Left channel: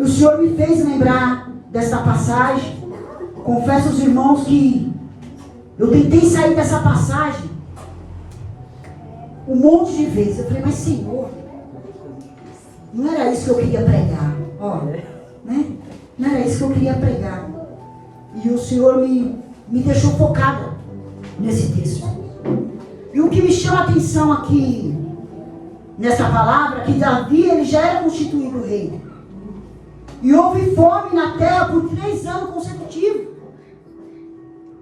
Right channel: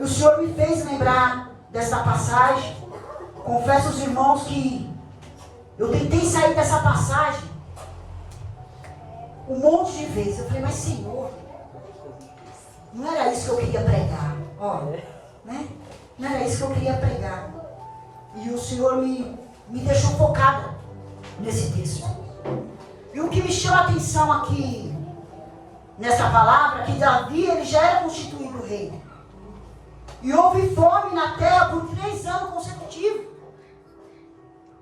O Senhor me fez lembrar dessa passagem. Confesso aos irmãos que eu tentei sair dessa passagem um monte de vezes. Eu falei, mas Senhor, não era isso que eu queria pregar. Ó, né? Não era isso que eu queria pregar. E o Senhor me deixou focada nesse texto. E o que me chama a atenção aqui, nessa palavra, que Davi, ele já era constituído rei. E houve fome na terra por 3 anos consecutivos.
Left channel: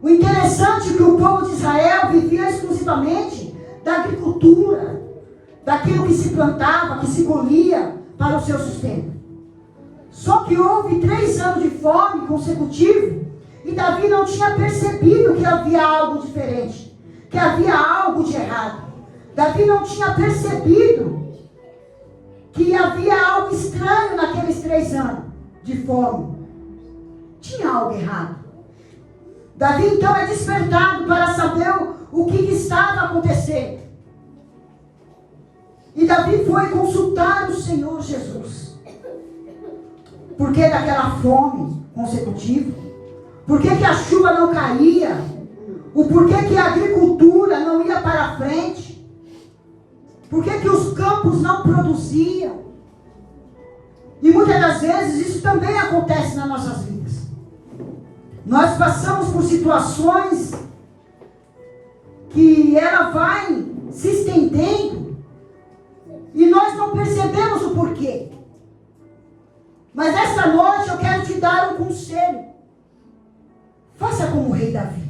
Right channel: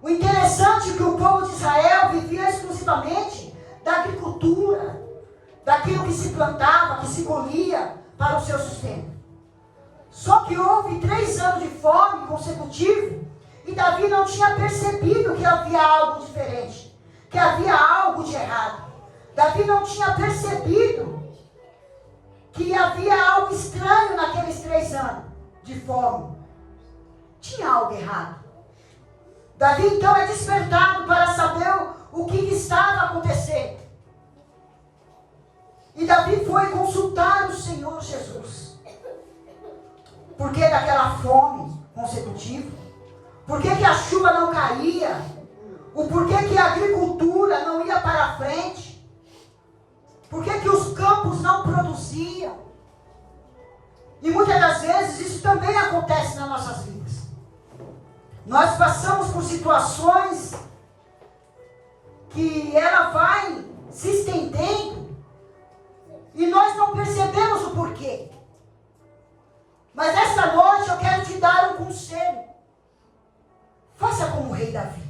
O interessante é que o povo de Israel vivia exclusivamente da agricultura, daquilo que se plantava, que se colhia para o seu sustento. Só que houve 3 anos de fome consecutivos e Davi não tinha percebido que havia algo diferente, que havia algo de errado. Davi não tinha percebido que havia algo estranho naqueles 3 anos de fome. Tinha algo errado. Davi então é despertado para saber o que estava acontecendo. E Davi foi consultar o Senhor Jesus. Por que daquela fome consecutiva? Por que a chuva não caía? O porquê que a agricultura não ia para frente? Por que os campos não produziam? E muitas das vezes isso também acontece nas nossas vidas. Nós passamos por situações que ela vai se estendendo e nós não percebemos o porquê. Mas esta noite eu quero te dar um conselho. Faça como o rei Davi.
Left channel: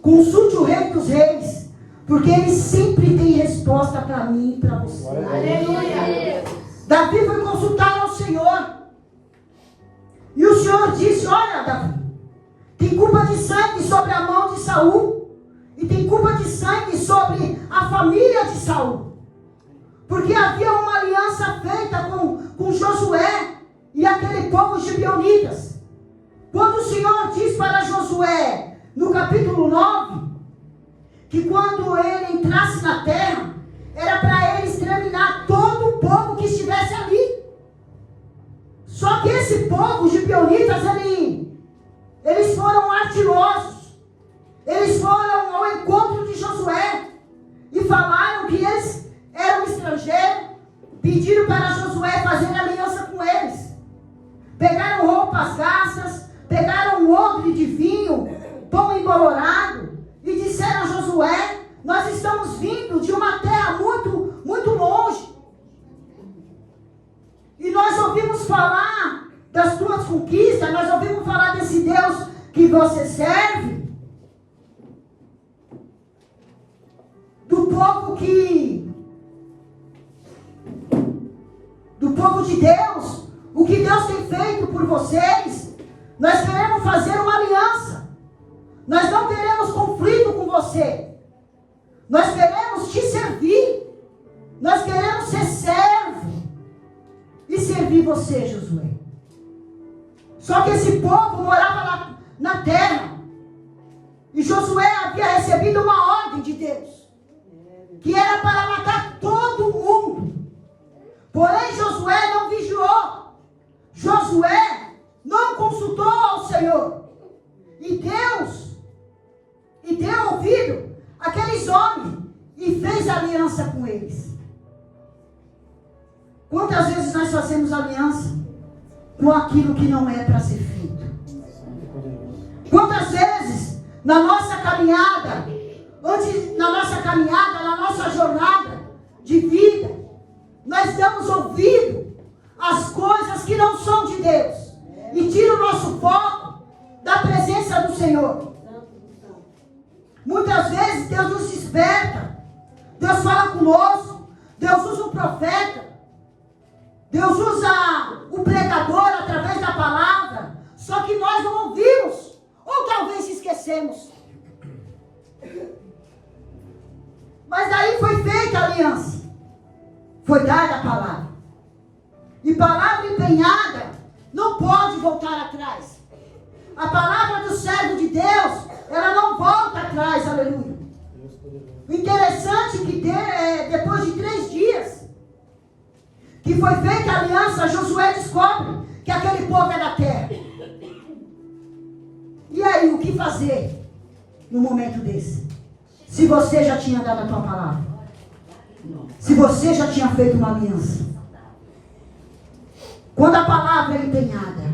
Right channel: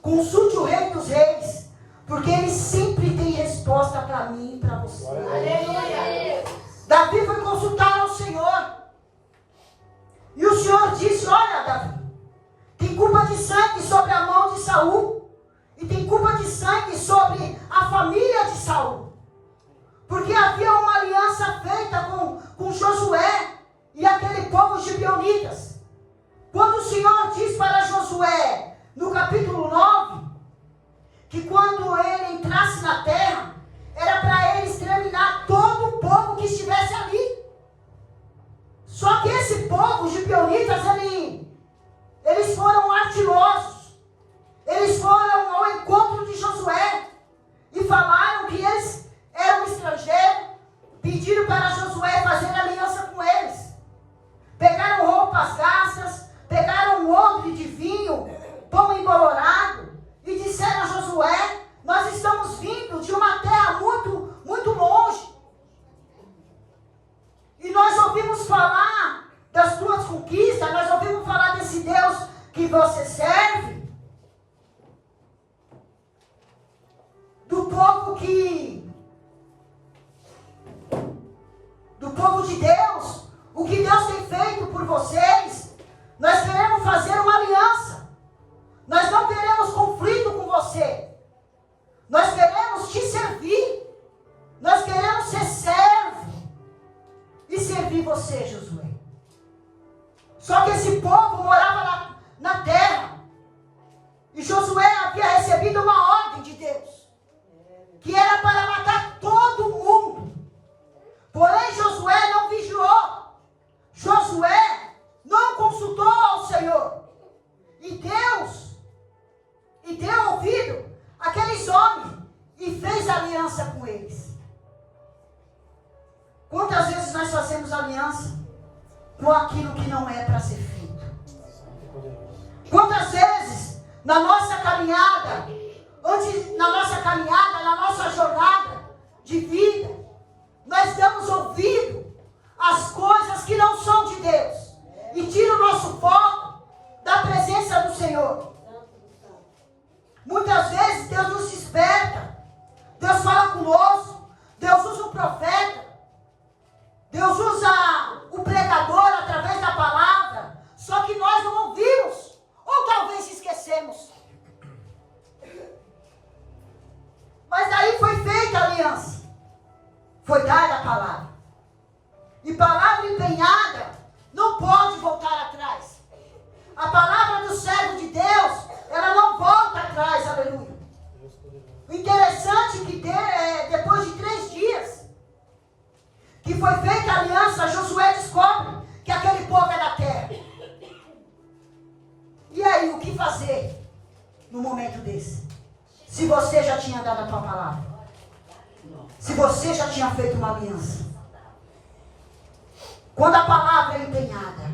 Consulte o rei dos reis, porque ele sempre tem resposta para mim e para você. Aleluia. Davi foi consultar ao Senhor. E o Senhor disse, olha Davi, tem culpa de sangue sobre a mão de Saul. E tem culpa de sangue sobre a família de Saul. Porque havia uma aliança feita com Josué e aquele povo gibeonitas. Quando o Senhor diz para Josué, no capítulo 9, que quando ele entrasse na terra, era para ele exterminar todo o povo que estivesse ali. Só que esse povo, os gibeonitas, eles foram ardilosos. Eles foram ao encontro de Josué e falaram que eles eram estrangeiros. Pediram para Josué fazer aliança com eles. Pegaram roupas gastas, pegaram um odre de vinho, pão embolorado, e disseram a Josué, nós estamos vindo de uma terra muito, muito longe. E nós ouvimos falar das tuas conquistas, nós ouvimos falar desse Deus que você serve. Do povo de Deus, o que Deus tem feito por vocês, nós queremos fazer uma aliança, nós não queremos conflito com você, nós queremos te servir, nós queremos ser servo e servir você, Josué. Só que esse povo morava na terra, e Josué havia recebido uma ordem de Deus, que era para matar todo mundo. Porém, Josué não vigiou. Josué não consultou ao Senhor. E Deus deu ouvido àqueles homens e fez aliança com eles. Quantas vezes nós fazemos aliança com aquilo que não é para ser feito? Quantas vezes na nossa caminhada, na nossa jornada de vida, nós damos ouvido às coisas que não são de Deus e tira o nosso foco da presença do Senhor. Muitas vezes Deus nos desperta, Deus fala conosco, Deus usa o profeta, Deus usa o pregador através da palavra, só que nós não ouvimos, ou talvez esquecemos. Mas daí foi feita a aliança, foi dada a palavra. E palavra empenhada não pode voltar atrás. A palavra do servo de Deus, ela não volta atrás, aleluia. O interessante é que depois de 3 dias que foi feita a aliança, Josué descobre fazer num momento desse? Se você já tinha dado a tua palavra. Se você já tinha feito uma aliança. Quando a palavra é empenhada.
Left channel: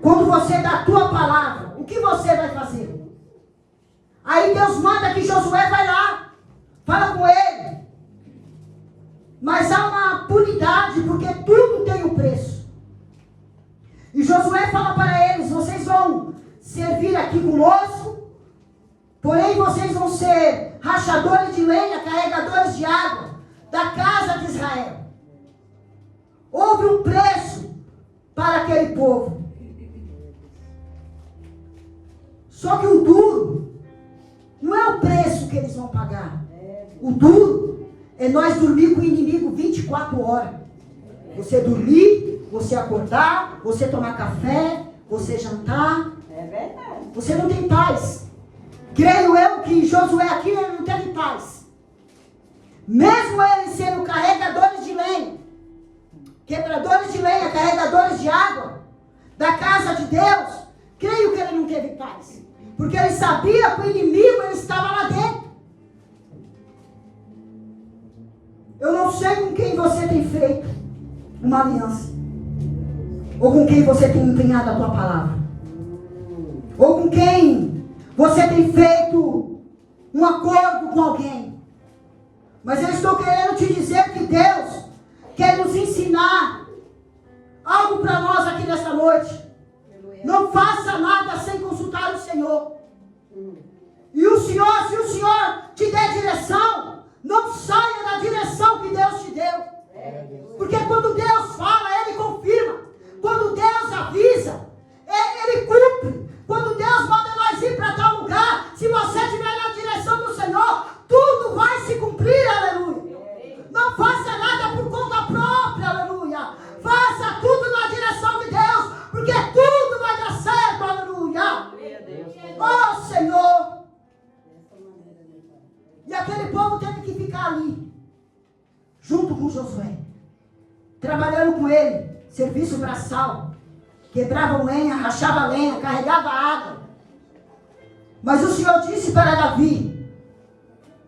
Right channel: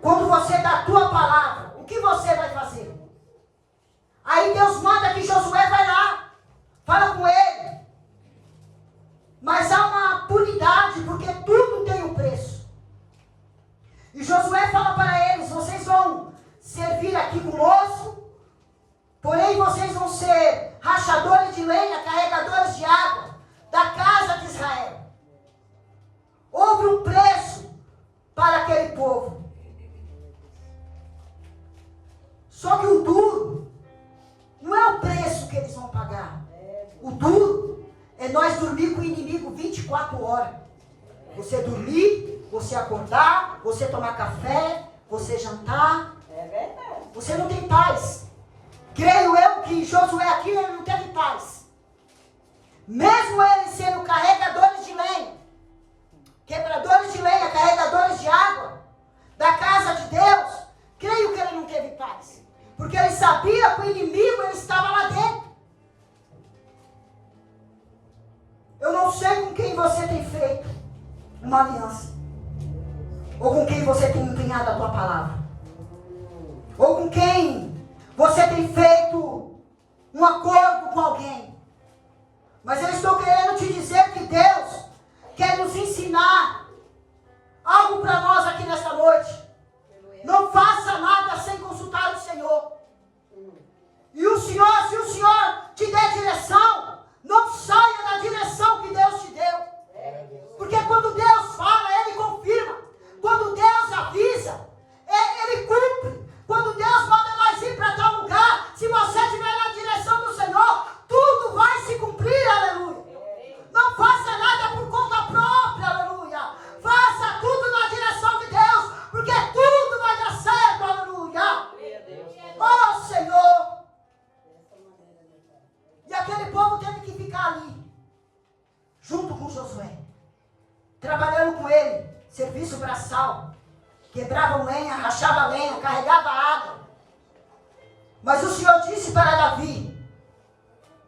Quando você dá a tua palavra, o que você vai fazer? Aí Deus manda que Josué vai lá. Fala com ele. Mas há uma punidade, porque tudo tem um preço. E Josué fala para eles, vocês vão servir aqui conosco, porém vocês vão ser rachadores de lenha, carregadores de água da casa de Israel. Houve um preço para aquele povo. Só que o duro não é o preço que eles vão pagar. O duro é nós dormir com o inimigo 24 horas. Você dormir, você acordar, você tomar café, você jantar. Você não tem paz. Creio eu que Josué aqui ele não teve paz. Mesmo eles sendo carregadores de lenha, quebradores de lenha, carregadores de água, da casa de Deus, creio que ele não teve paz. Porque ele sabia que o inimigo ele estava lá dentro. Eu não sei com quem você tem feito uma aliança. Ou com quem você tem empenhado a tua palavra. Ou com quem você tem feito um acordo com alguém. Mas eu estou querendo te dizer que Deus quer nos ensinar algo para nós aqui nesta noite. Não faça nada sem consultar o Senhor. E o Senhor, se o Senhor te der direção, não saia da direção que Deus te deu. Porque quando Deus fala, Ele confirma. Quando Deus avisa, Ele cumpre. Quando Deus manda nós ir para tal lugar, se você estiver na direção do Senhor, tudo vai se cumprir, aleluia. Não faça nada por conta própria, aleluia. Faça tudo na direção de Deus, porque tudo vai dar certo, aleluia. Oh, Senhor. E aquele povo teve que ficar ali, junto com Josué, trabalhando com ele, serviço braçal, quebrava lenha, rachava lenha, carregava água. Mas o Senhor disse para Davi,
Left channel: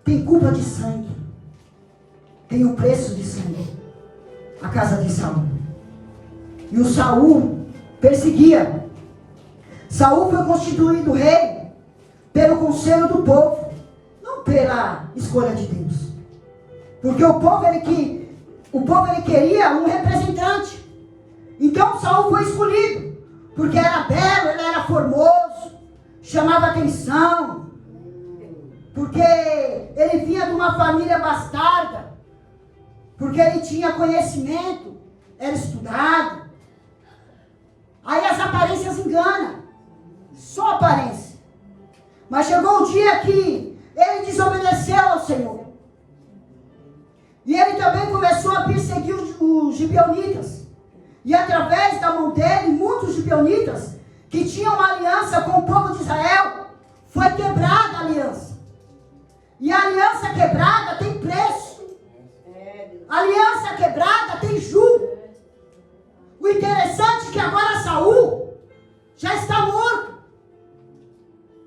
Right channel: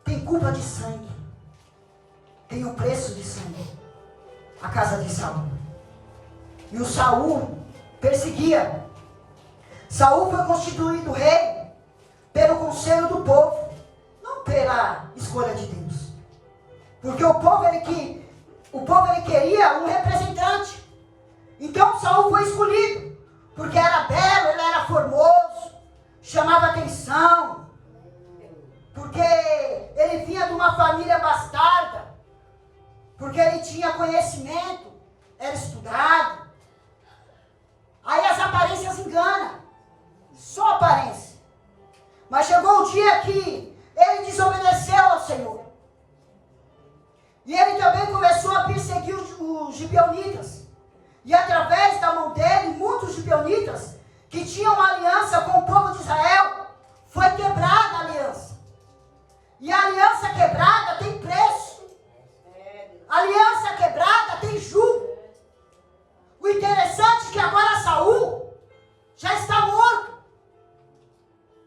tem culpa de sangue, tem o preço de sangue, a casa de Saul. E o Saul perseguia. Saul foi constituído rei pelo conselho do povo, não pela escolha de Deus. Porque o povo ele queria um representante. Então Saul foi escolhido, porque era belo, ele era formoso, chamava atenção, porque ele vinha de uma família bastarda, porque ele tinha conhecimento, era estudado. Aí as aparências enganam, só aparência. Mas chegou o dia que ele desobedeceu ao Senhor. E ele também começou a perseguir os gibeonitas. E através da mão dele, muitos gibeonitas que tinham uma aliança com o povo de Israel, foi quebrada a aliança. E a aliança quebrada tem preço. A aliança quebrada tem julgo. O interessante é que agora Saul já está morto.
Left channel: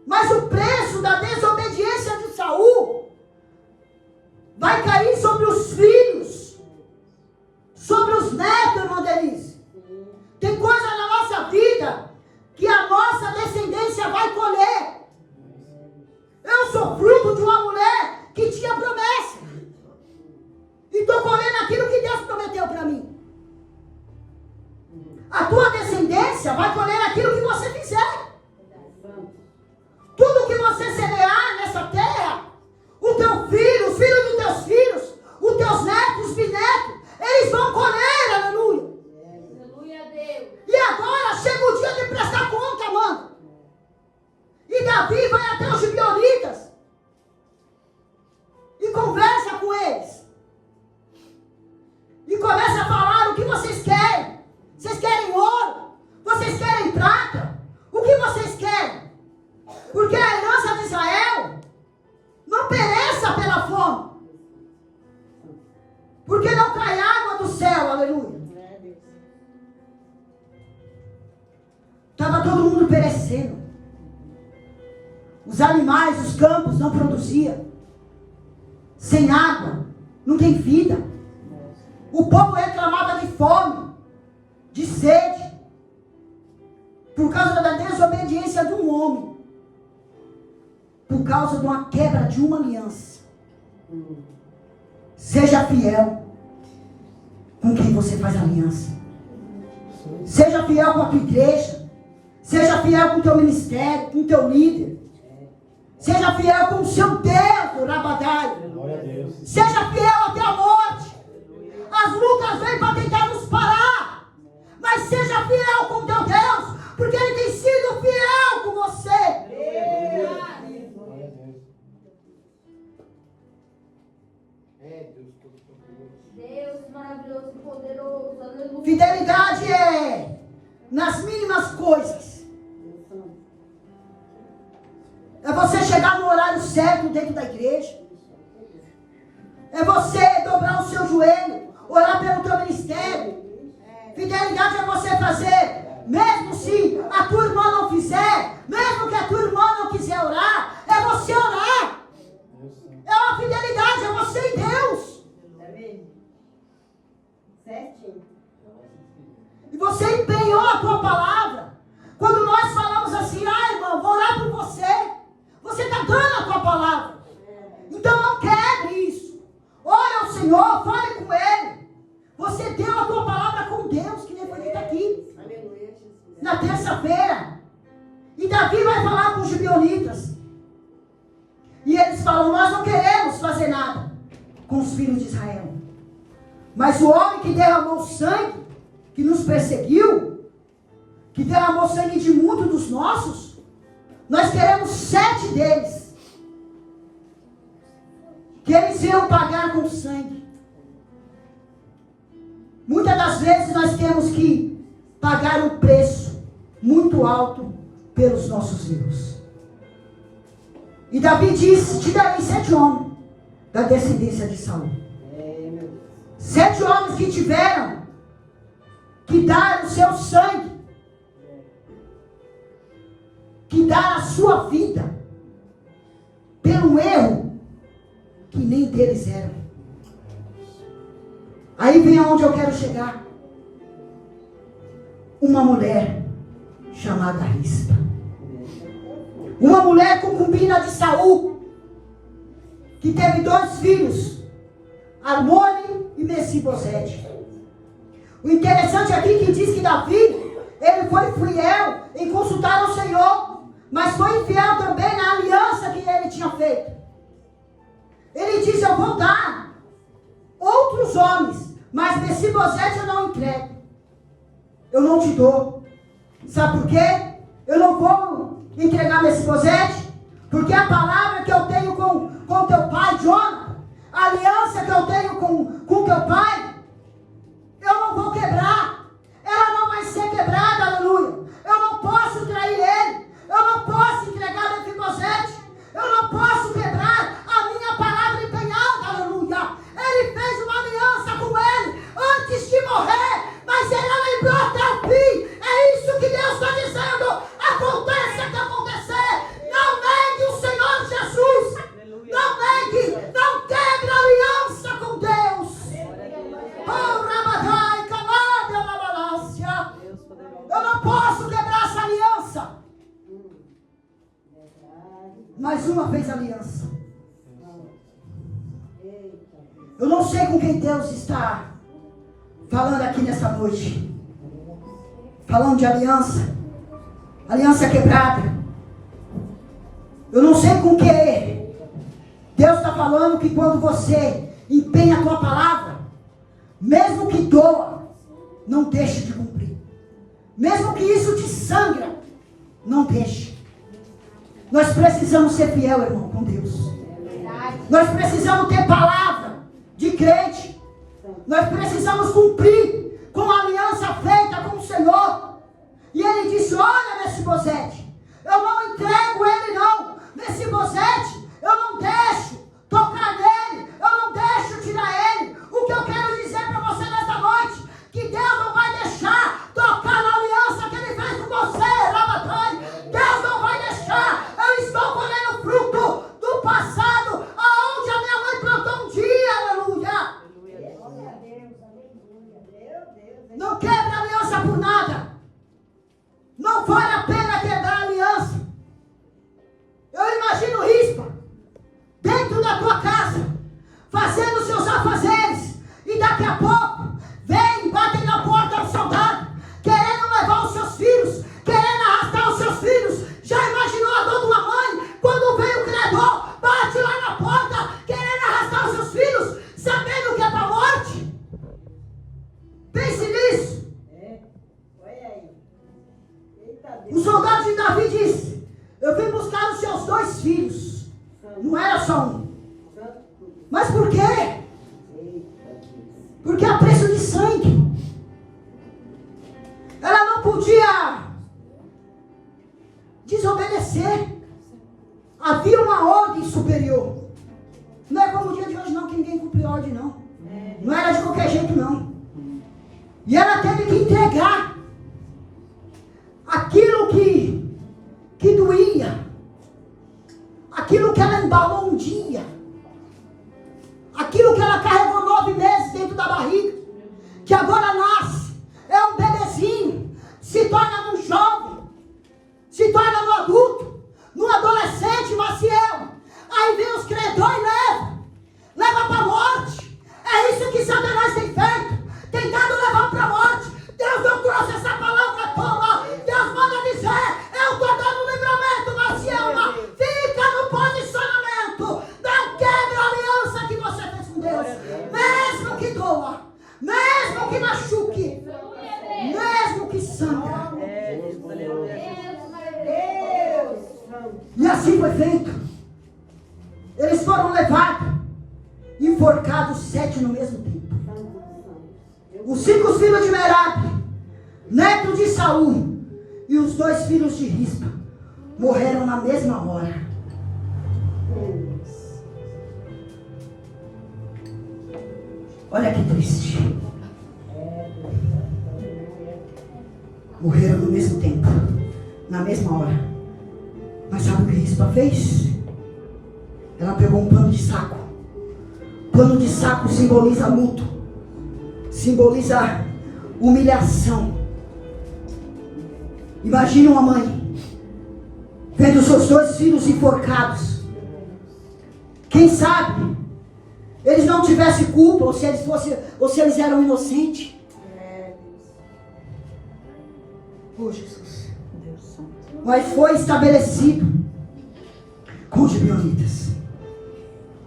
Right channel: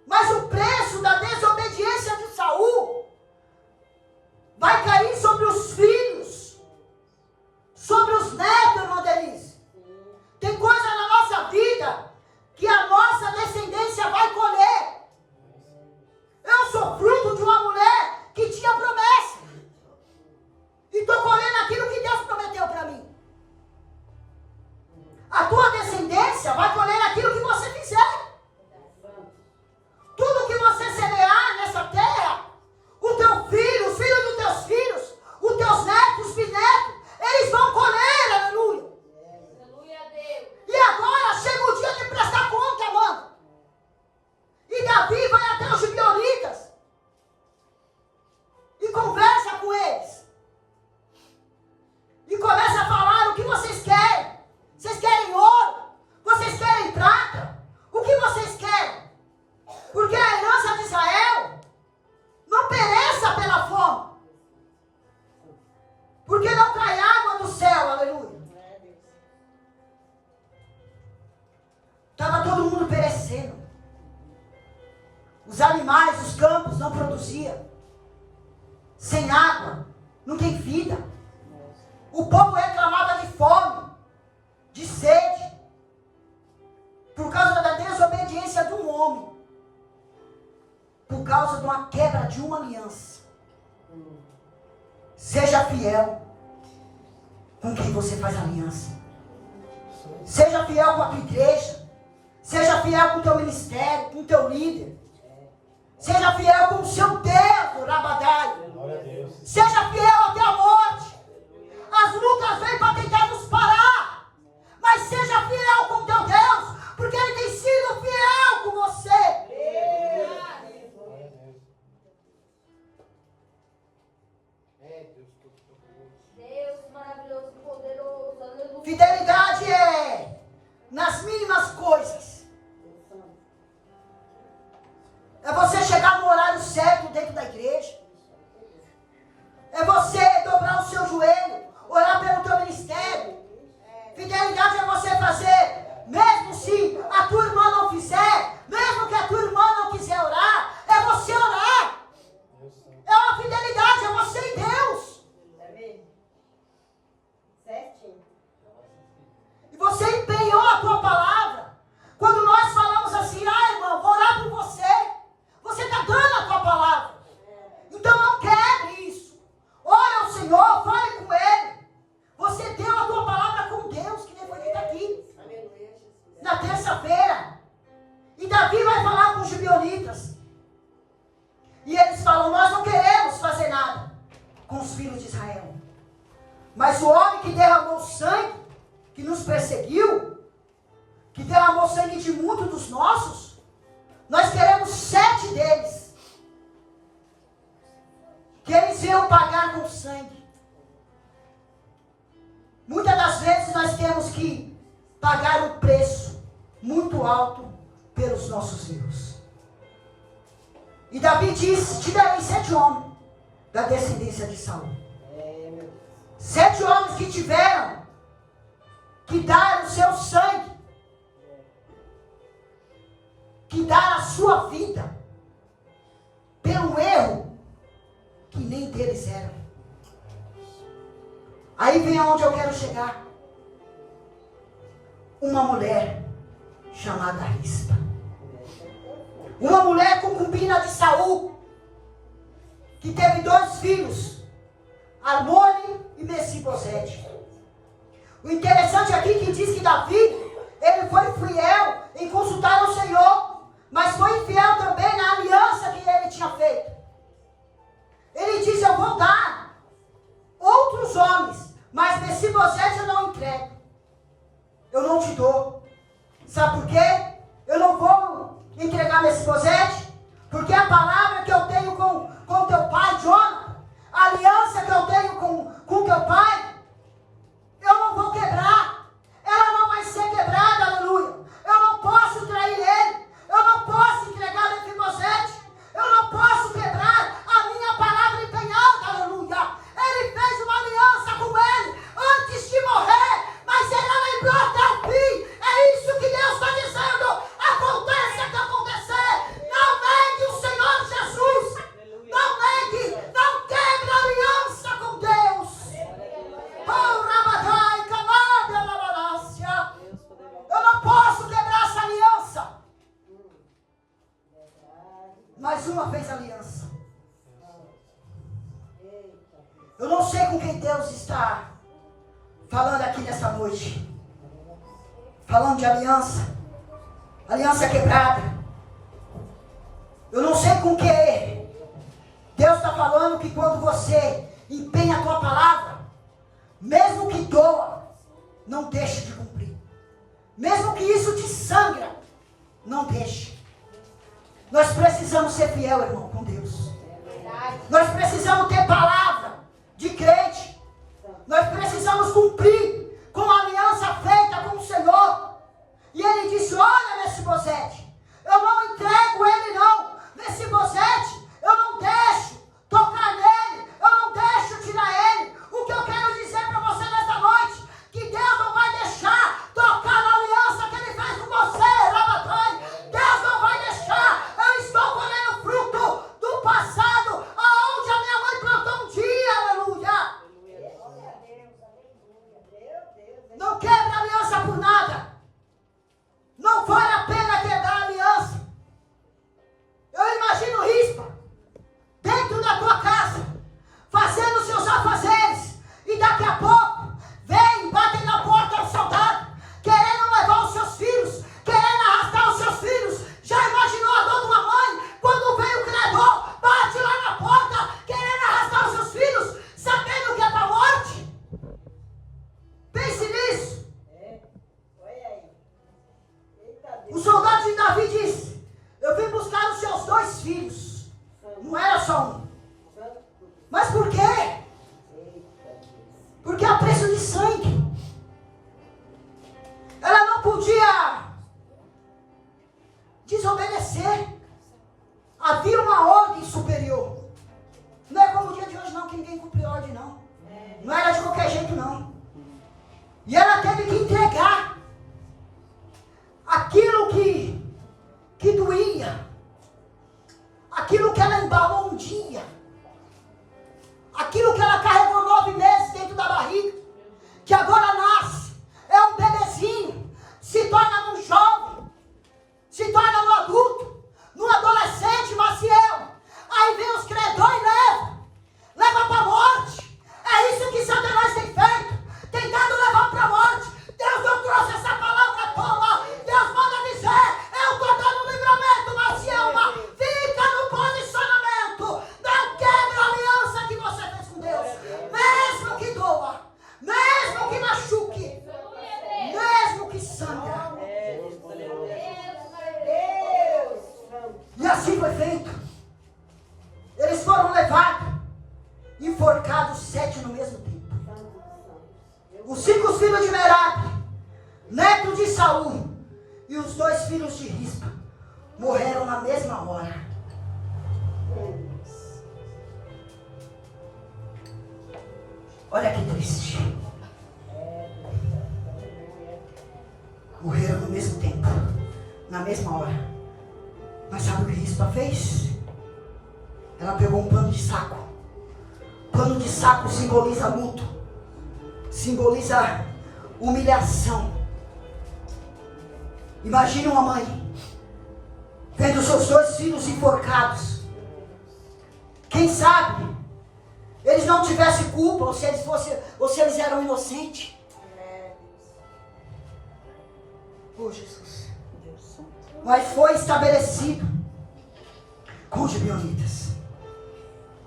Mas o preço da desobediência de Saul vai cair sobre os filhos, sobre os netos, irmã Denise. Tem coisa na nossa vida que a nossa descendência vai colher. Eu sou fruto de uma mulher que tinha promessa. E estou colhendo aquilo que Deus prometeu para mim. A tua descendência vai colher aquilo que você fizer. Tudo que você semear nessa terra, o teu filho, os filhos dos teus filhos, os teus netos, os bisnetos, eles vão colher, aleluia. Aleluia a Deus. E agora chega o dia de prestar conta, mano. E Davi vai até os gibeonitas e conversa com eles. E começa a falar o que vocês querem. Vocês querem ouro? Vocês querem prata? O que vocês querem? Porque a herança de Israel não pereça pela fome. Porque não cai água do céu, aleluia. Estava todo mundo perecendo. Os animais, os campos não produziam. Sem água, não tem vida. O povo reclamava de fome, de sede, por causa da desobediência de um homem, por causa de uma quebra de uma aliança. Seja fiel com quem você faz aliança. Seja fiel com a tua igreja. Seja fiel com o teu ministério, com o teu líder. Seja fiel com o seu Deus, o Rabadai. Seja fiel até a morte. As lutas vêm para tentar nos parar. Mas seja fiel com o teu Deus, porque Ele tem sido fiel com você. Deus maravilhoso, poderoso. Fidelidade é nas mínimas coisas. É você chegar no horário certo dentro da igreja. É você dobrar o seu joelho, orar pelo teu ministério. Fidelidade é você fazer, mesmo se a tua irmã não fizer, mesmo que a tua irmã não quiser orar, é você orar. É uma fidelidade, é você e Deus. E você empenhou a tua palavra. Quando nós falamos assim, irmão, vou orar por você. Você está dando a tua palavra. Então não quebre isso. Ore ao Senhor, fale com Ele. Você deu a tua palavra com Deus, que nem foi dito aqui. Na terça-feira. E Davi vai falar com os gibeonitas. E eles falam, nós não queremos fazer nada com os filhos de Israel. Mas o homem que derramou sangue, que nos perseguiu, que derramou sangue de muitos dos nossos, nós queremos 7 deles, que eles iam pagar com sangue. Muitas das vezes nós temos que pagar um preço muito alto pelos nossos erros. E Davi disse, te darei 7 homens da descendência de Saul. 7 homens que tiveram que dar o seu sangue, que dar a sua vida pelo erro que nem deles eram. Aí vem aonde eu quero chegar. Uma mulher chamada Rispa. Uma mulher concubina de Saul, que teve 2 filhos, Armone e Mefibosete. O interessante aqui que diz que Davi, ele foi fiel em consultar ao Senhor, mas foi fiel também na aliança que ele tinha feito. Ele diz, eu vou dar outros homens, mas Mefibosete eu não entrego. Eu não te dou. Sabe por quê? Eu não vou entregar Mefibosete, porque a palavra que eu tenho com teu pai, Jonathan, a aliança que eu tenho com teu pai, eu não vou quebrar. Ela não vai ser quebrada, aleluia. Eu não posso trair ele. Eu não posso entregar Mefibosete. Eu não posso quebrar a minha palavra empenhada, aleluia. Ele fez uma aliança com ele antes de morrer, mas ele lembrou até o fim. É isso que Deus está dizendo. Aconteça o que acontecer. Não negue o Senhor Jesus. Não negue. Não quebre a aliança com Deus. Eu não posso quebrar essa aliança. Mais uma vez aliança. Eu não sei com quem Deus está falando aqui nessa noite. Falando de aliança. Aliança quebrada. Eu não sei com que Deus está falando que quando você empenha a tua palavra, mesmo que doa, não deixe de cumprir. Mesmo que isso te sangra, não deixe. Nós precisamos ser fiel, irmão, com Deus. Nós precisamos ter palavra de crente. Nós precisamos cumprir com a aliança feita com o Senhor. E ele disse, olha, Mefibosete, eu não entrego ele não. Mefibosete, eu não deixo tocar nele. Eu não deixo tirar ele. O que eu quero dizer para você nessa noite, que Deus não vai deixar tocar na aliança que ele fez com você, Rabatai. Deus não vai deixar. Eu estou com ele. O soldado de Davi disse: eu vim buscar os seus 2 filhos. Não era só um. Mas por quê? Porque a preço de sangue. Ela não podia desobedecer. Havia uma ordem superior. Não é como o dia de hoje não, que ninguém cumpre ordem não. Não era de qualquer jeito não. E ela teve que entregar aquilo que doía, aquilo que ela embalou um dia, aquilo que ela carregou 9 meses dentro da barriga, que agora nasce, é um bebezinho, se torna um jovem, se torna um adulto, num adolescente, Maciel. Aí vem os credores e leva para a morte. É isso que Satanás tem feito, tentado levar para a morte. Deus não trouxe essa palavra à toa. Deus manda dizer: eu estou dando livramento, Maciel. Fica no posicionamento. Não quebra a aliança que você fez com Deus. Mesmo que doa, mesmo que machuque, mesmo que sangra. E assim foi feito. Eles foram levados, enforcados 7 no mesmo tempo. Os 5 filhos de Merabe, neto de Saul, e os 2 filhos de Rispa morreram na mesma hora. Olha que triste. Morreram no mesmo tempo, na mesma hora. Mas sabe o que Rispa fez? Ela pegou um pano de saco. Pano de saco simboliza luto, simboliza humilhação. Imagine uma mãe vendo seus 2 filhos enforcados. Quem sabe eles não tivessem culpa, ou se eles eram inocentes. Oh, Jesus. Mas foi estabelecido com os gibeonitas.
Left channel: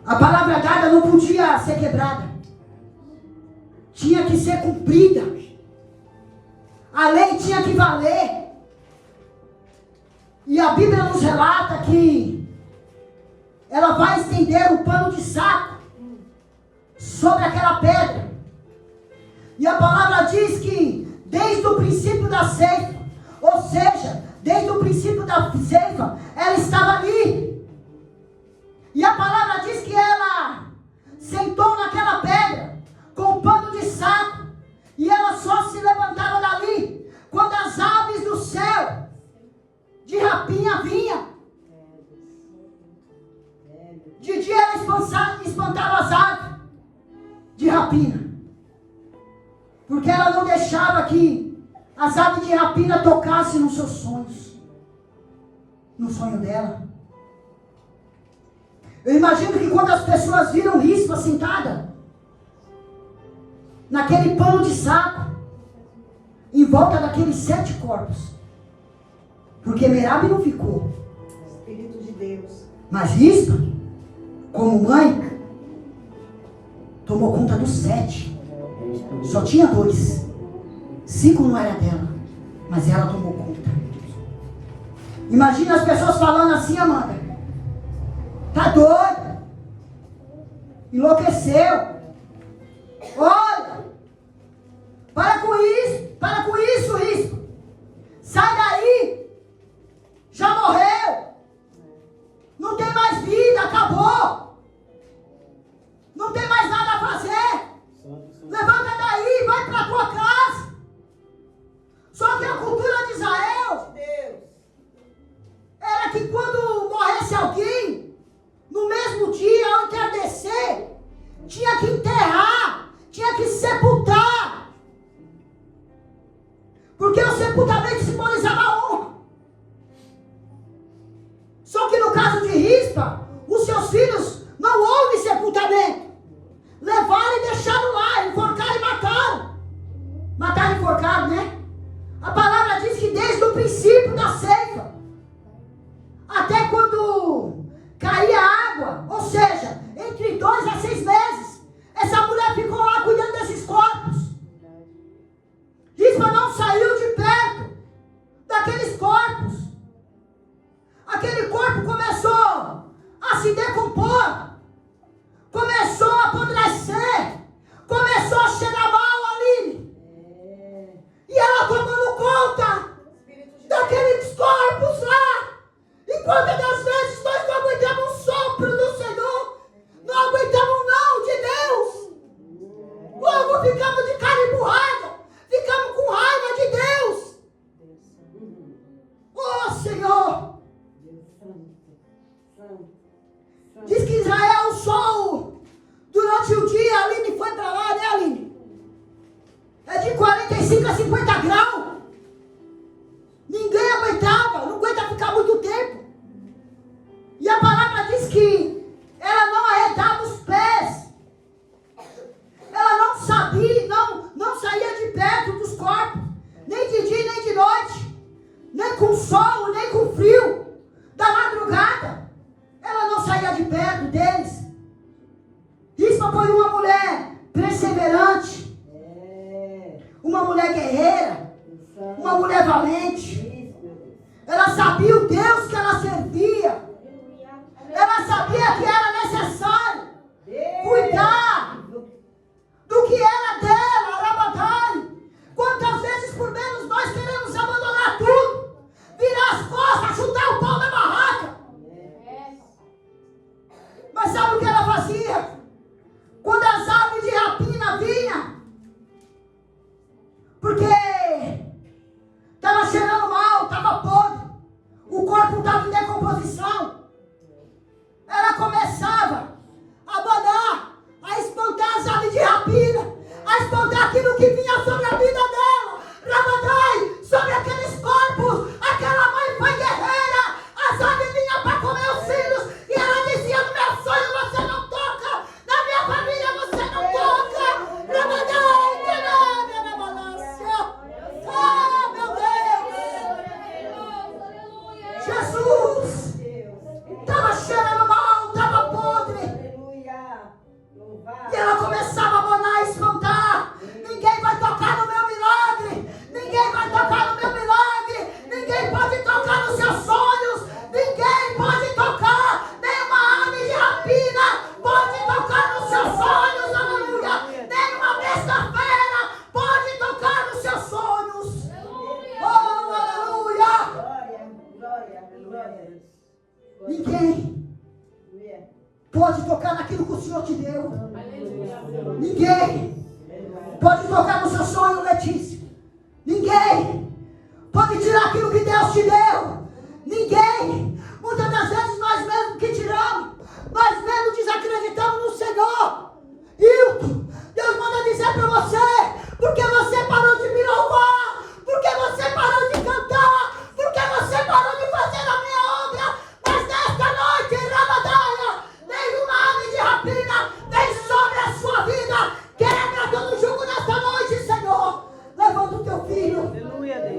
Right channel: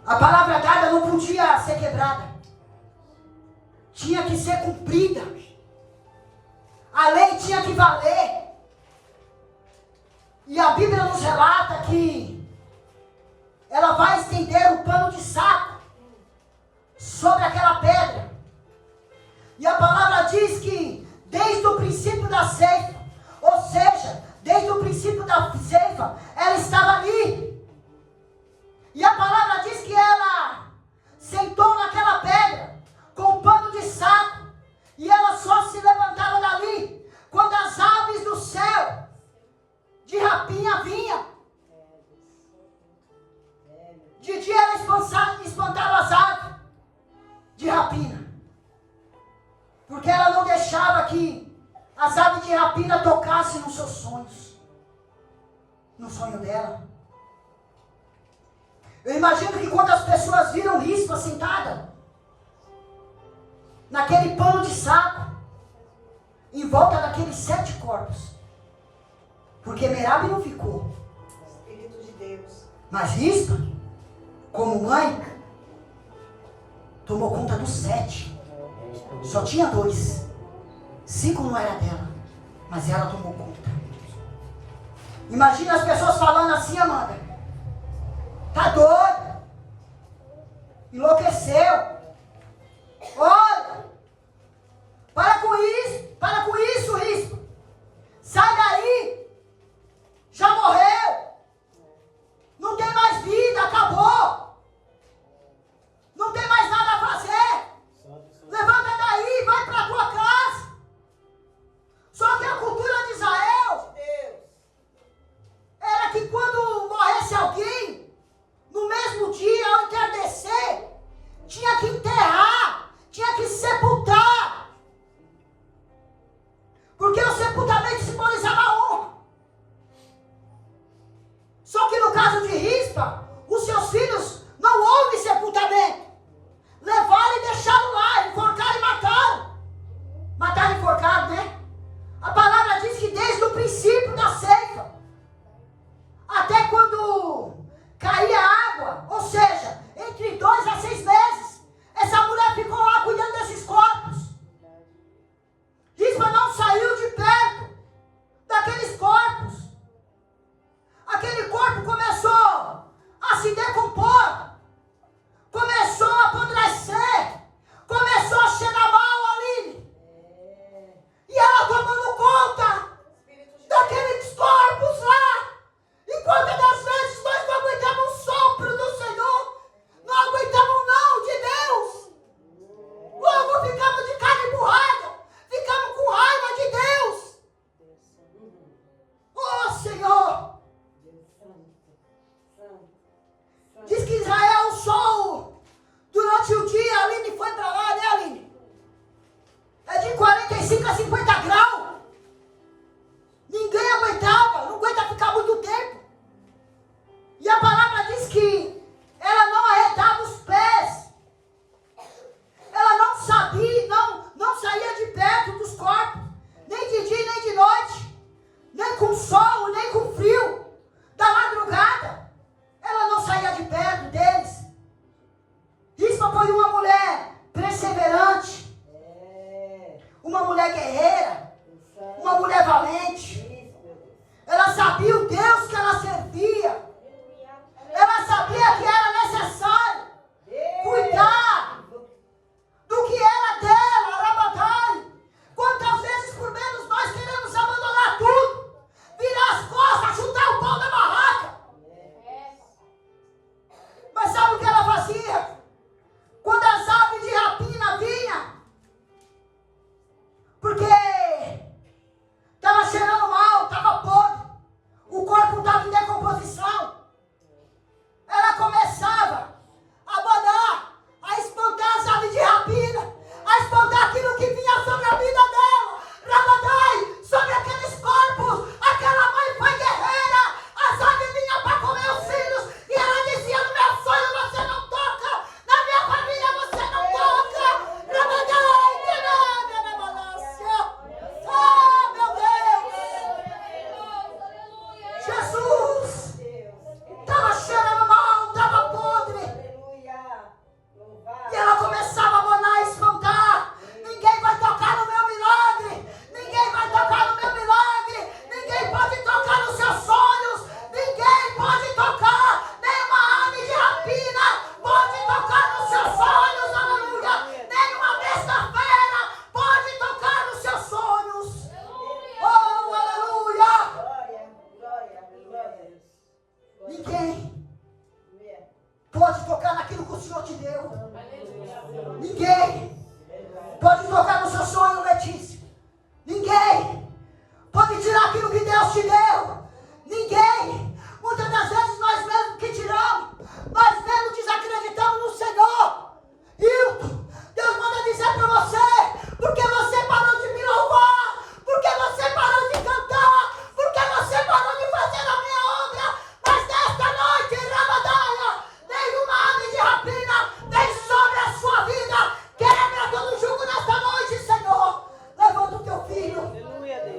A palavra dada não podia ser quebrada. Tinha que ser cumprida. A lei tinha que valer. E a Bíblia nos relata que ela vai estender um pano de saco sobre aquela pedra. E a palavra diz que desde o princípio da ceifa, ou seja, desde o princípio da ceifa, ela estava ali. E a palavra diz que ela sentou naquela pedra com um pano de saco, e ela só se levantava dali quando as aves do céu de rapinha vinham. De dia ela espantava as aves de rapina, porque ela não deixava que as aves de rapina tocassem nos seus sonhos, no sonho dela. Eu imagino que quando as pessoas viram Rispa sentada naquele pano de saco, em volta daqueles 7 corpos, porque Merabe não ficou, Espírito de Deus, mas Rispa, como mãe, tomou conta dos 7. Só tinha 2, 5 não era dela, mas ela tomou conta. Imagina as pessoas falando assim: Amanda, tá doida? Enlouqueceu? Olha, para com isso, Rispa. Sai daí. Já morreu. Não tem mais vida, acabou. Não tem mais nada a fazer. Levanta daí, vai para tua casa. Só que a cultura de Israel era que quando morresse alguém, no mesmo dia, ao entardecer, tinha que enterrar, tinha que sepultar. Porque o sepultamento simbolizava a honra. Só que no caso de Rispa, os seus filhos não houve sepultamento. Levaram e deixaram lá, enforcaram e mataram. Mataram e enforcaram, né? A palavra diz que desde o princípio da ceifa, até quando caía água, ou seja, entre 2 a 6 meses, essa mulher ficou lá cuidando desses corpos. Rispa não saiu de perto mulher valente. Ela sabia o Deus que ela servia. Ela sabia que era necessário cuidar do que era dela, Rabadai. Quantas vezes por menos nós queremos abandonar tudo, virar as costas, chutar o pau da barraca. Mas sabe o que ela fazia? Quando as aves de rapina vinham, porque estava cheirando mal, estava podre, o corpo estava em decomposição, ela começava a mandar, a espantar as aves de rapina, a espantar aquilo que vinha sobre a vida dela, Rabadai, sobre aqueles corpos, aquela mãe foi guerreira, as aves vinham para comer os filhos, e ela dizia: no meu sonho você não toca, na minha família você não toca, Rabadai, que nada na balança. Ah, meu Deus, Jesus, estava cheirando mal, estava podre, e ela começava a manar e espantar: ninguém vai tocar no meu milagre, ninguém vai tocar no meu milagre, ninguém pode tocar nos seus sonhos, ninguém pode tocar, nenhuma ave de rapina pode tocar nos seus sonhos, aleluia, nenhuma besta-feira pode tocar nos seus sonhos, oh, aleluia, ninguém pode tocar naquilo que o Senhor te deu, ninguém pode tocar no seu sonho, Letícia, ninguém pode tirar aquilo que Deus te deu, ninguém. Muitas das vezes nós mesmos que tiramos, nós mesmos desacreditamos no Senhor. Hilton, Deus manda dizer para você: porque você parou de me louvar, porque você parou de cantar, porque você parou de fazer a minha obra. Mas nesta noite, Rabadaia, nenhuma ave de rapina vem sobre a sua vida. Quebra todo jugo nesta noite, Senhor. Levanta o teu filho.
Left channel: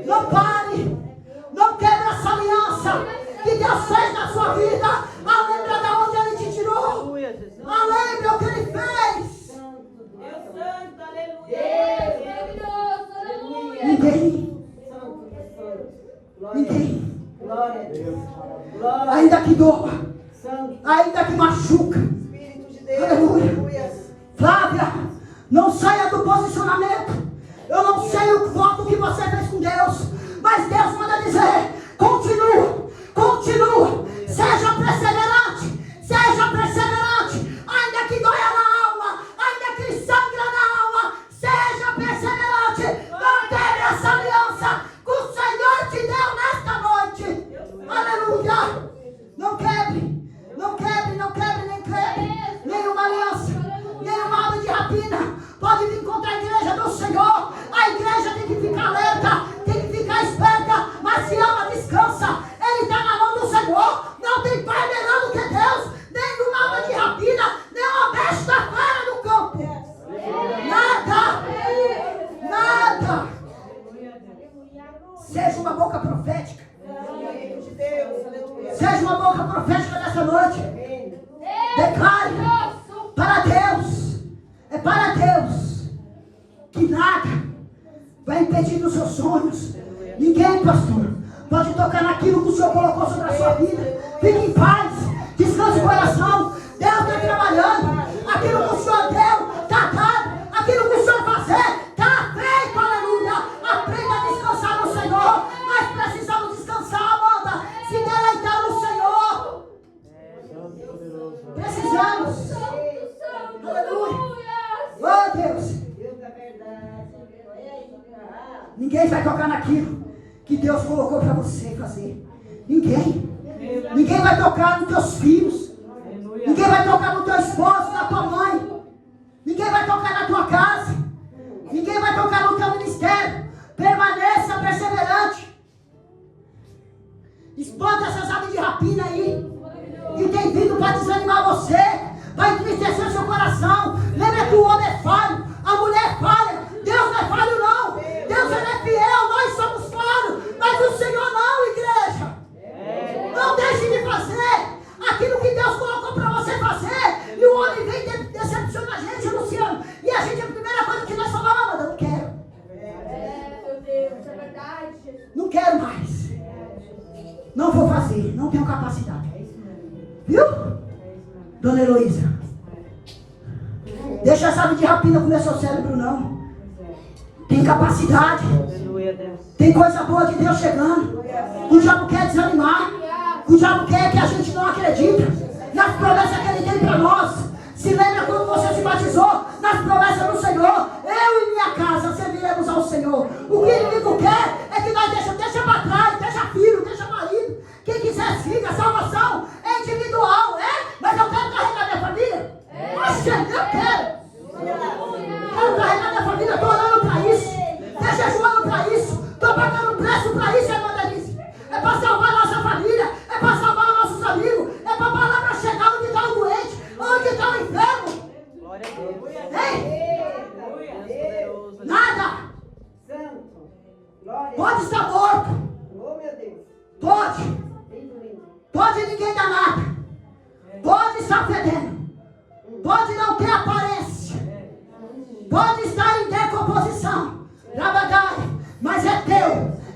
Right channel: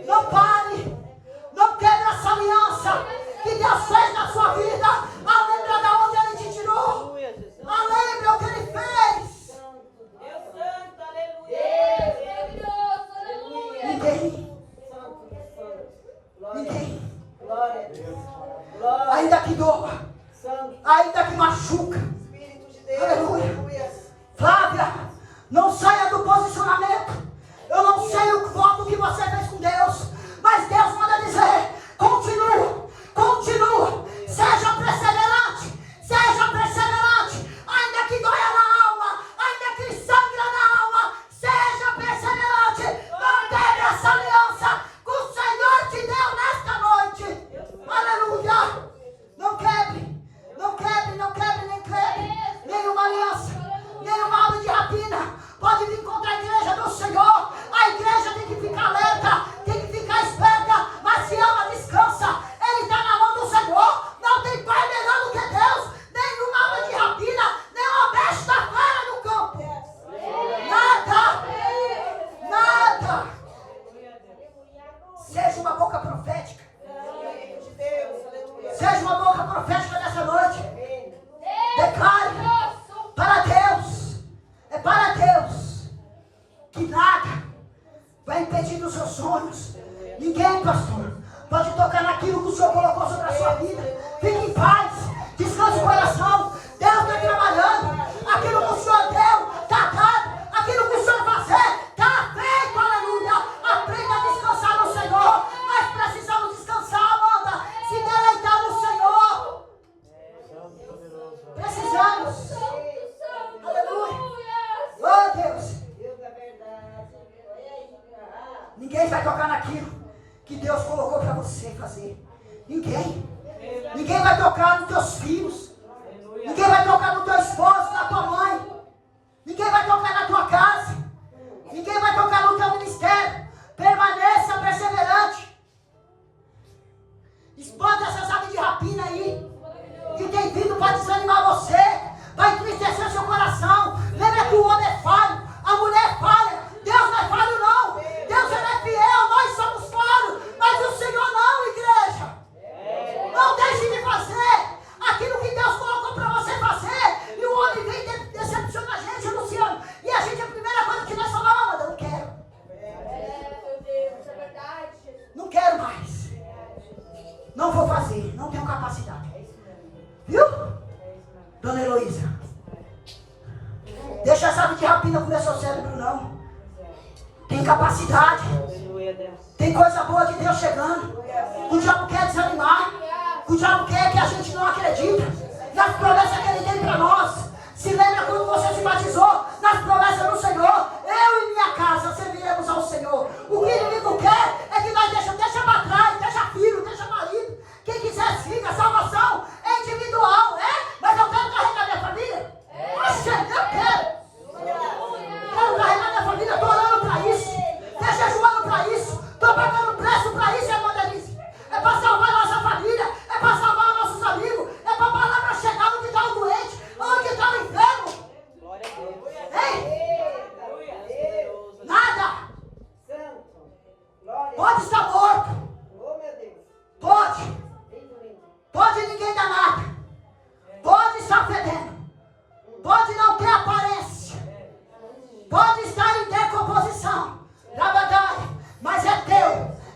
Não pare. Não quebre essa aliança que Deus fez na sua vida. Lembra de onde Ele te tirou. Lembra o que Ele fez. Ninguém. Ainda que doa, ainda que machuca. Aleluia. Flávia, não saia do posicionamento. Eu não sei o voto que você fez com Deus, mas Deus manda dizer: continua, continua, seja perseverante, ainda que doia na alma, ainda que sangra na alma, seja perseverante, mantém essa aliança que o Senhor te deu nesta noite, aleluia, não quebre, nem quebre, nenhuma aliança, nenhuma ave de rapina pode vir contra a igreja do Senhor. A igreja tem que ficar alerta, tem que ficar esperta, mas se ama, descansa, Ele está na mão do Senhor, não tem pai melhor do que Deus, nenhuma ave de rapina, nenhuma besta fora do campo, nada, seja uma boca profética, seja uma boca profética nessa noite, declare para Deus, é para Deus, que nada vai impedir os seus sonhos. Ninguém, pastor, pode tocar naquilo que o Senhor colocou sobre a sua vida. Fique em paz, descanse o coração. Deus está trabalhando. Aquilo que o Senhor deu, está dado. Aquilo que o Senhor fazer, está feito. Aleluia. Aprenda a descansar no Senhor. Nós precisamos descansar, Amanda. Se deleitar no Senhor. Precisamos. Aleluia. Oh, Deus. Ninguém vai tocar naquilo que Deus colocou para você fazer. Ninguém vai tocar nos teus filhos. Ninguém vai tocar no teu esposo, na tua mãe. Ninguém vai tocar na tua casa. Ninguém vai tocar no teu ministério. Permaneça perseverante. Espanta essas aves de rapina aí, que tem vindo para desanimar você, para entristecer o seu coração. Lembra que o homem é falho, a mulher é falha. Deus não é falho, não. Deus ele é fiel, nós somos falhos, mas o Senhor não, igreja. Não deixe de fazer aquilo que Deus colocou para você fazer. E o homem vem decepciona a gente, Luciano. E a gente, a primeira coisa que nós falamos: eu não quero. Meu Deus, é verdade, Jesus. Não quero mais. Não vou fazer. Não tenho capacidade. Viu? Dona Heloísa. Deixa essa ave de rapina comer seu cérebro, não. Tem capacidade. Tem coisa boa de Deus chegando. O diabo quer desanimar. O diabo quer que a gente não acredita nas promessas que ele tem para nós. Se lembra quando você se batizou nas promessas do Senhor? Eu e minha casa serviremos ao Senhor. O que o inimigo quer é que nós deixa para trás, deixa filho, deixa marido. Quem quiser siga, a salvação é individual, mas eu quero carregar minha família. Poxa, eu quero. Quero carregar minha família, estou orando para isso. Estou jejuando para isso. Estou pagando preço para isso, irmã Denise. É para salvar a nossa família. É para salvar os nossos amigos. É para a palavra chegar onde está o doente. Onde está o enfermo. Ei! Nada. Pode estar morto. Pode. Pode ninguém dar nada. Pode estar fedendo. Pode não ter aparência. Pode estar em decomposição. Mas é teu.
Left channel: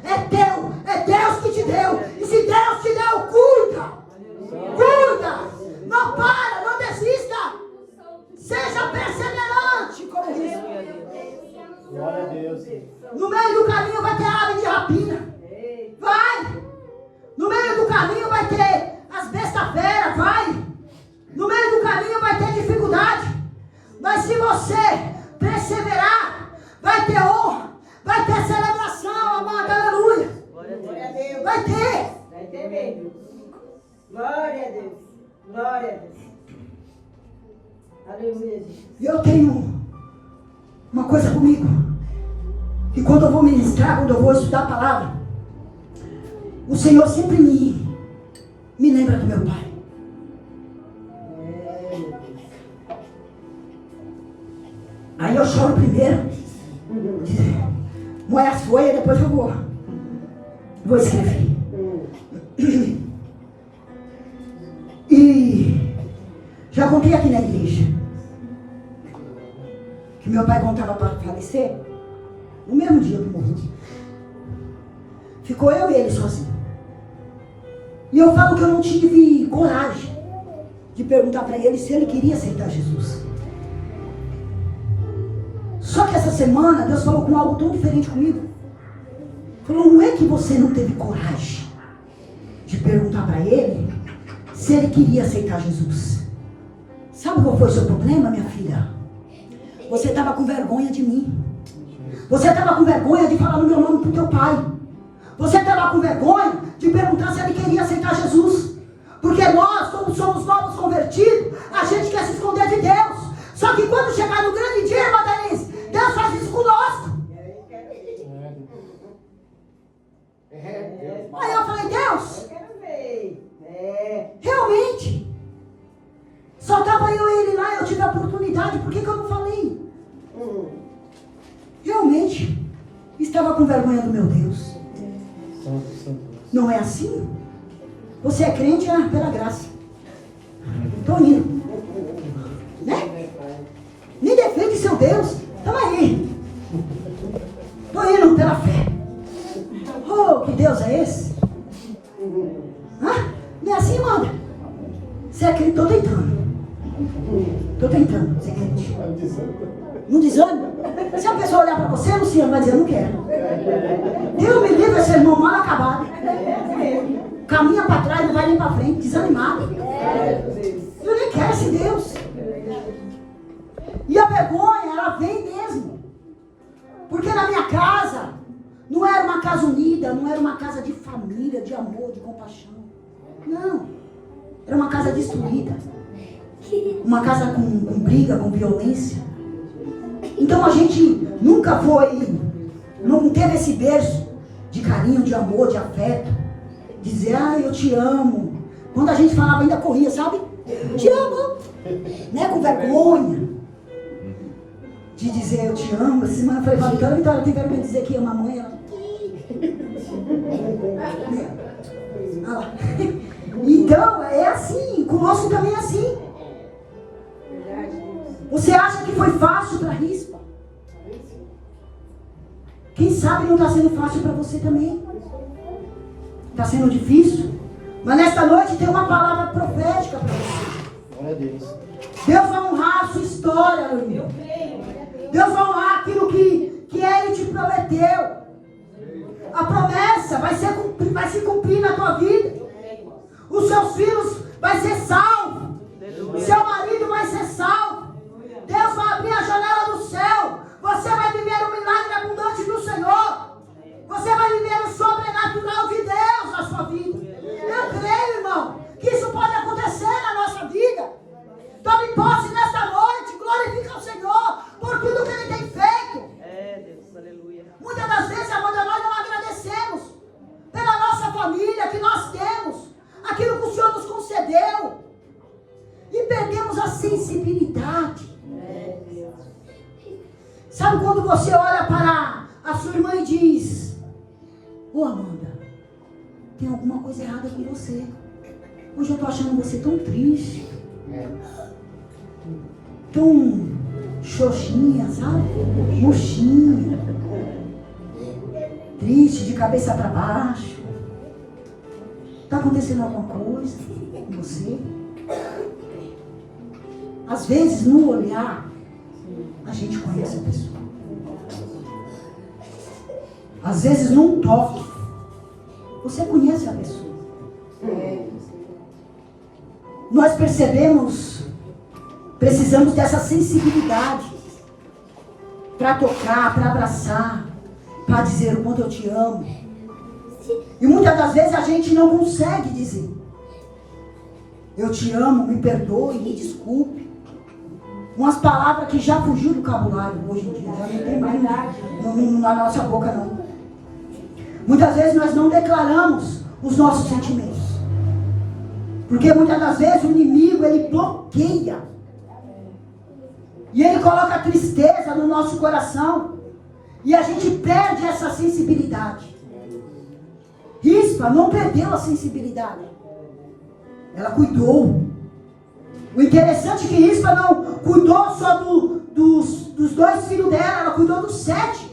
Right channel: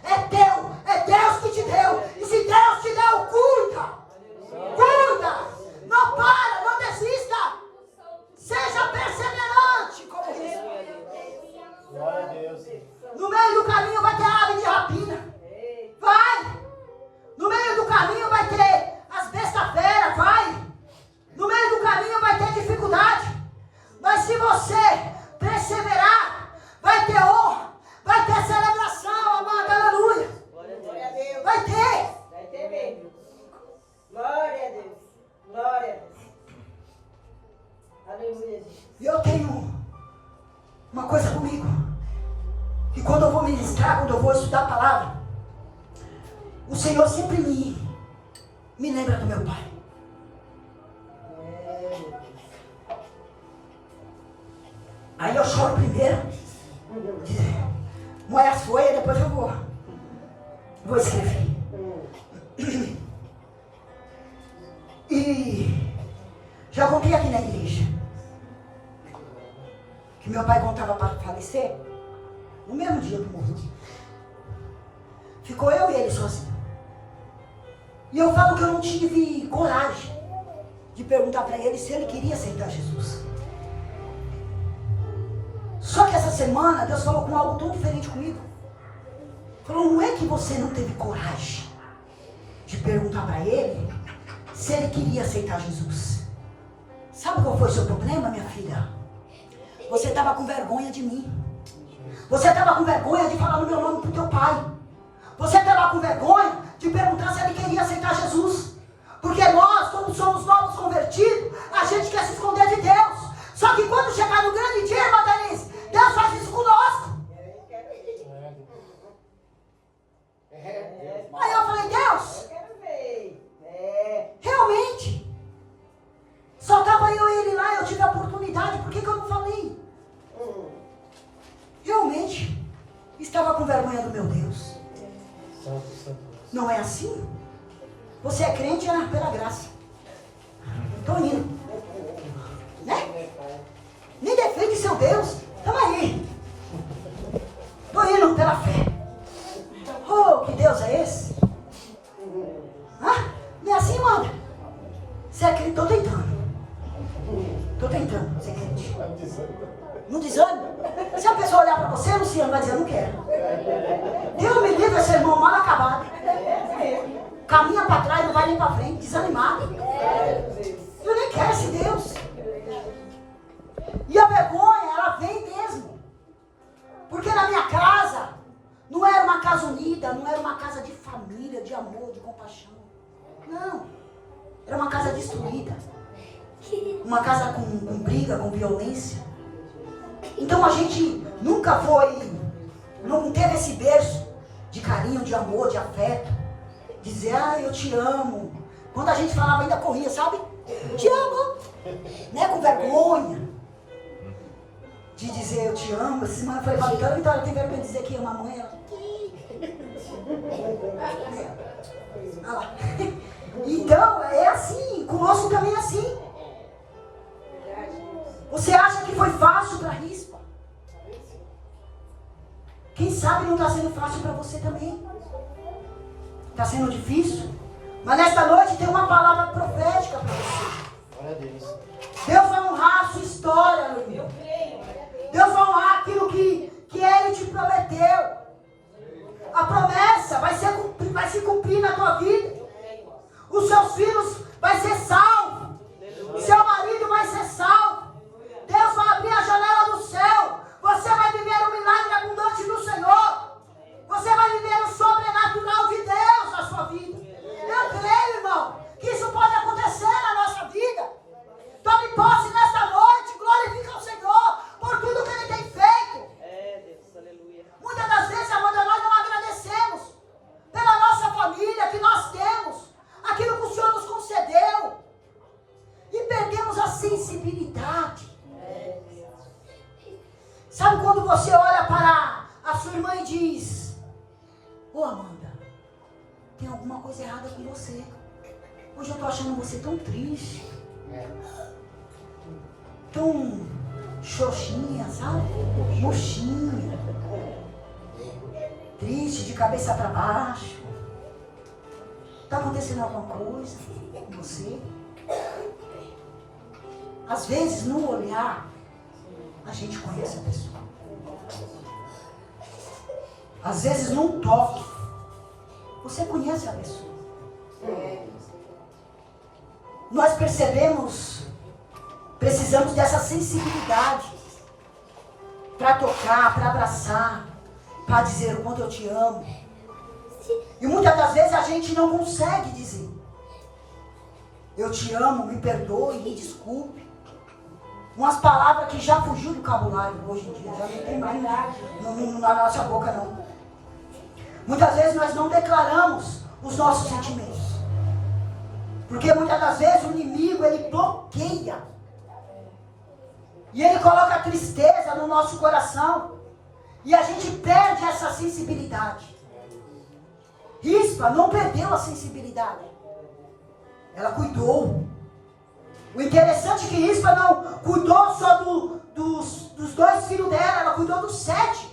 É teu. É Deus que te deu. E se Deus te deu, cuida. Cuida. Não para, não desista. Seja perseverante como isso. Glória a Deus. No meio do caminho vai ter ave de rapina. Vai. No meio do caminho vai ter as bestas feras. Vai. No meio do caminho vai ter dificuldade. Mas se você perseverar, vai ter honra. Vai ter celebração, amada. Aleluia. Vai ter. Glória a Deus. Glória a Deus. Aleluia. E eu tenho uma coisa comigo. Que quando eu vou ministrar, quando eu vou estudar a palavra, o Senhor sempre me lembra do meu pai. Aí eu choro primeiro. Moe as folhas, depois eu vou escrever. E já contei aqui na igreja que meu pai contava para falecer no mesmo dia que morreu. Ficou eu e ele sozinho. E eu falo que eu não tive coragem de perguntar para ele se ele queria aceitar Jesus. Só que essa semana Deus falou com algo tão diferente comigo. Falou, não é que você não teve coragem de perguntar para ele se ele queria aceitar Jesus. Sabe qual foi o seu problema, minha filha? Você estava com vergonha de mim. Você estava com vergonha de falar no meu nome para o teu pai. Você estava com vergonha de perguntar se ele queria aceitar Jesus. Porque nós, como somos novos convertidos, a gente quer se esconder de Deus. Só que quando chegar no grande dia, irmã Denise, Deus faz isso conosco. Aí eu falei, Deus, realmente, só estava eu e ele lá, eu tive a oportunidade, por que eu não falei? Realmente, estava com vergonha do meu Deus. Não é assim? Você é crente pela graça. Estou indo. Né? Nem defende seu Deus. Estamos aí. Estou indo pela fé. Oh, que Deus é esse? Não é assim, manda. Você é crente? Estou tentando. Estou tentando ser crente. Não desânimo. Se a pessoa olhar para você, Luciano, vai dizer, eu não quero. Deus me livre, esse irmão mal acabado. Caminha para trás, não vai nem para frente, desanimado. Eu nem quero esse Deus. E a vergonha, ela vem mesmo. Porque na minha casa, não era uma casa unida, não era uma casa de família, de amor, de compaixão. Não. Era uma casa destruída. Uma casa com briga, com violência. Então a gente nunca não teve esse berço de carinho, de amor, de afeto. Dizer, eu te amo. Quando a gente falava, ainda corria, sabe? Te amo. Né? Com vergonha. De dizer, eu te amo. Essa semana eu falei, Vitória, ela tem vergonha de dizer que ama a mãe. Ela... Então, é assim. Conosco também é assim. Você acha que foi fácil para a Rispa? Quem sabe não está sendo fácil para você também. Está sendo difícil. Mas nessa noite tem uma palavra profética para você. Glória a Deus. Deus vai honrar a sua história, aleluia. Deus vai honrar aquilo que Ele te prometeu. A promessa vai se cumprir na tua vida. Os seus filhos vão ser salvos. Seu marido vai ser salvo. Deus vai abrir a janela do céu. Você vai viver o milagre abundante do Senhor. Você vai viver o sobrenatural de Deus na sua vida. Eu creio, irmão, que isso pode acontecer na nossa vida. Tome posse nesta noite. Glorifica o Senhor por tudo que Ele tem feito. Muitas das vezes, amor, nós não agradecemos pela nossa família que nós temos, aquilo que o Senhor nos concedeu, e perdemos a sensibilidade. Sabe quando você olha para a sua irmã e diz: ô Amanda, tem alguma coisa errada com você. Hoje eu estou achando você tão triste, tão xoxinha, sabe? Murchinha, triste, de cabeça para baixo. Está acontecendo alguma coisa com você? Às vezes, no olhar, a gente conhece a pessoa. Às vezes, num toque, você conhece a pessoa. Nós precisamos dessa sensibilidade para tocar, para abraçar, para dizer o quanto eu te amo. E muitas das vezes a gente não consegue dizer: eu te amo, me perdoe, me desculpe. Umas palavras que já fugiu do vocabulário hoje em dia, já não tem mais na nossa boca não. Muitas vezes nós não declaramos os nossos sentimentos, porque muitas das vezes o inimigo, ele bloqueia, e ele coloca tristeza no nosso coração, e a gente perde essa sensibilidade. Rispa não perdeu a sensibilidade, ela cuidou. O interessante é que Rispa não cuidou só dos 2 filhos dela, ela cuidou dos 7.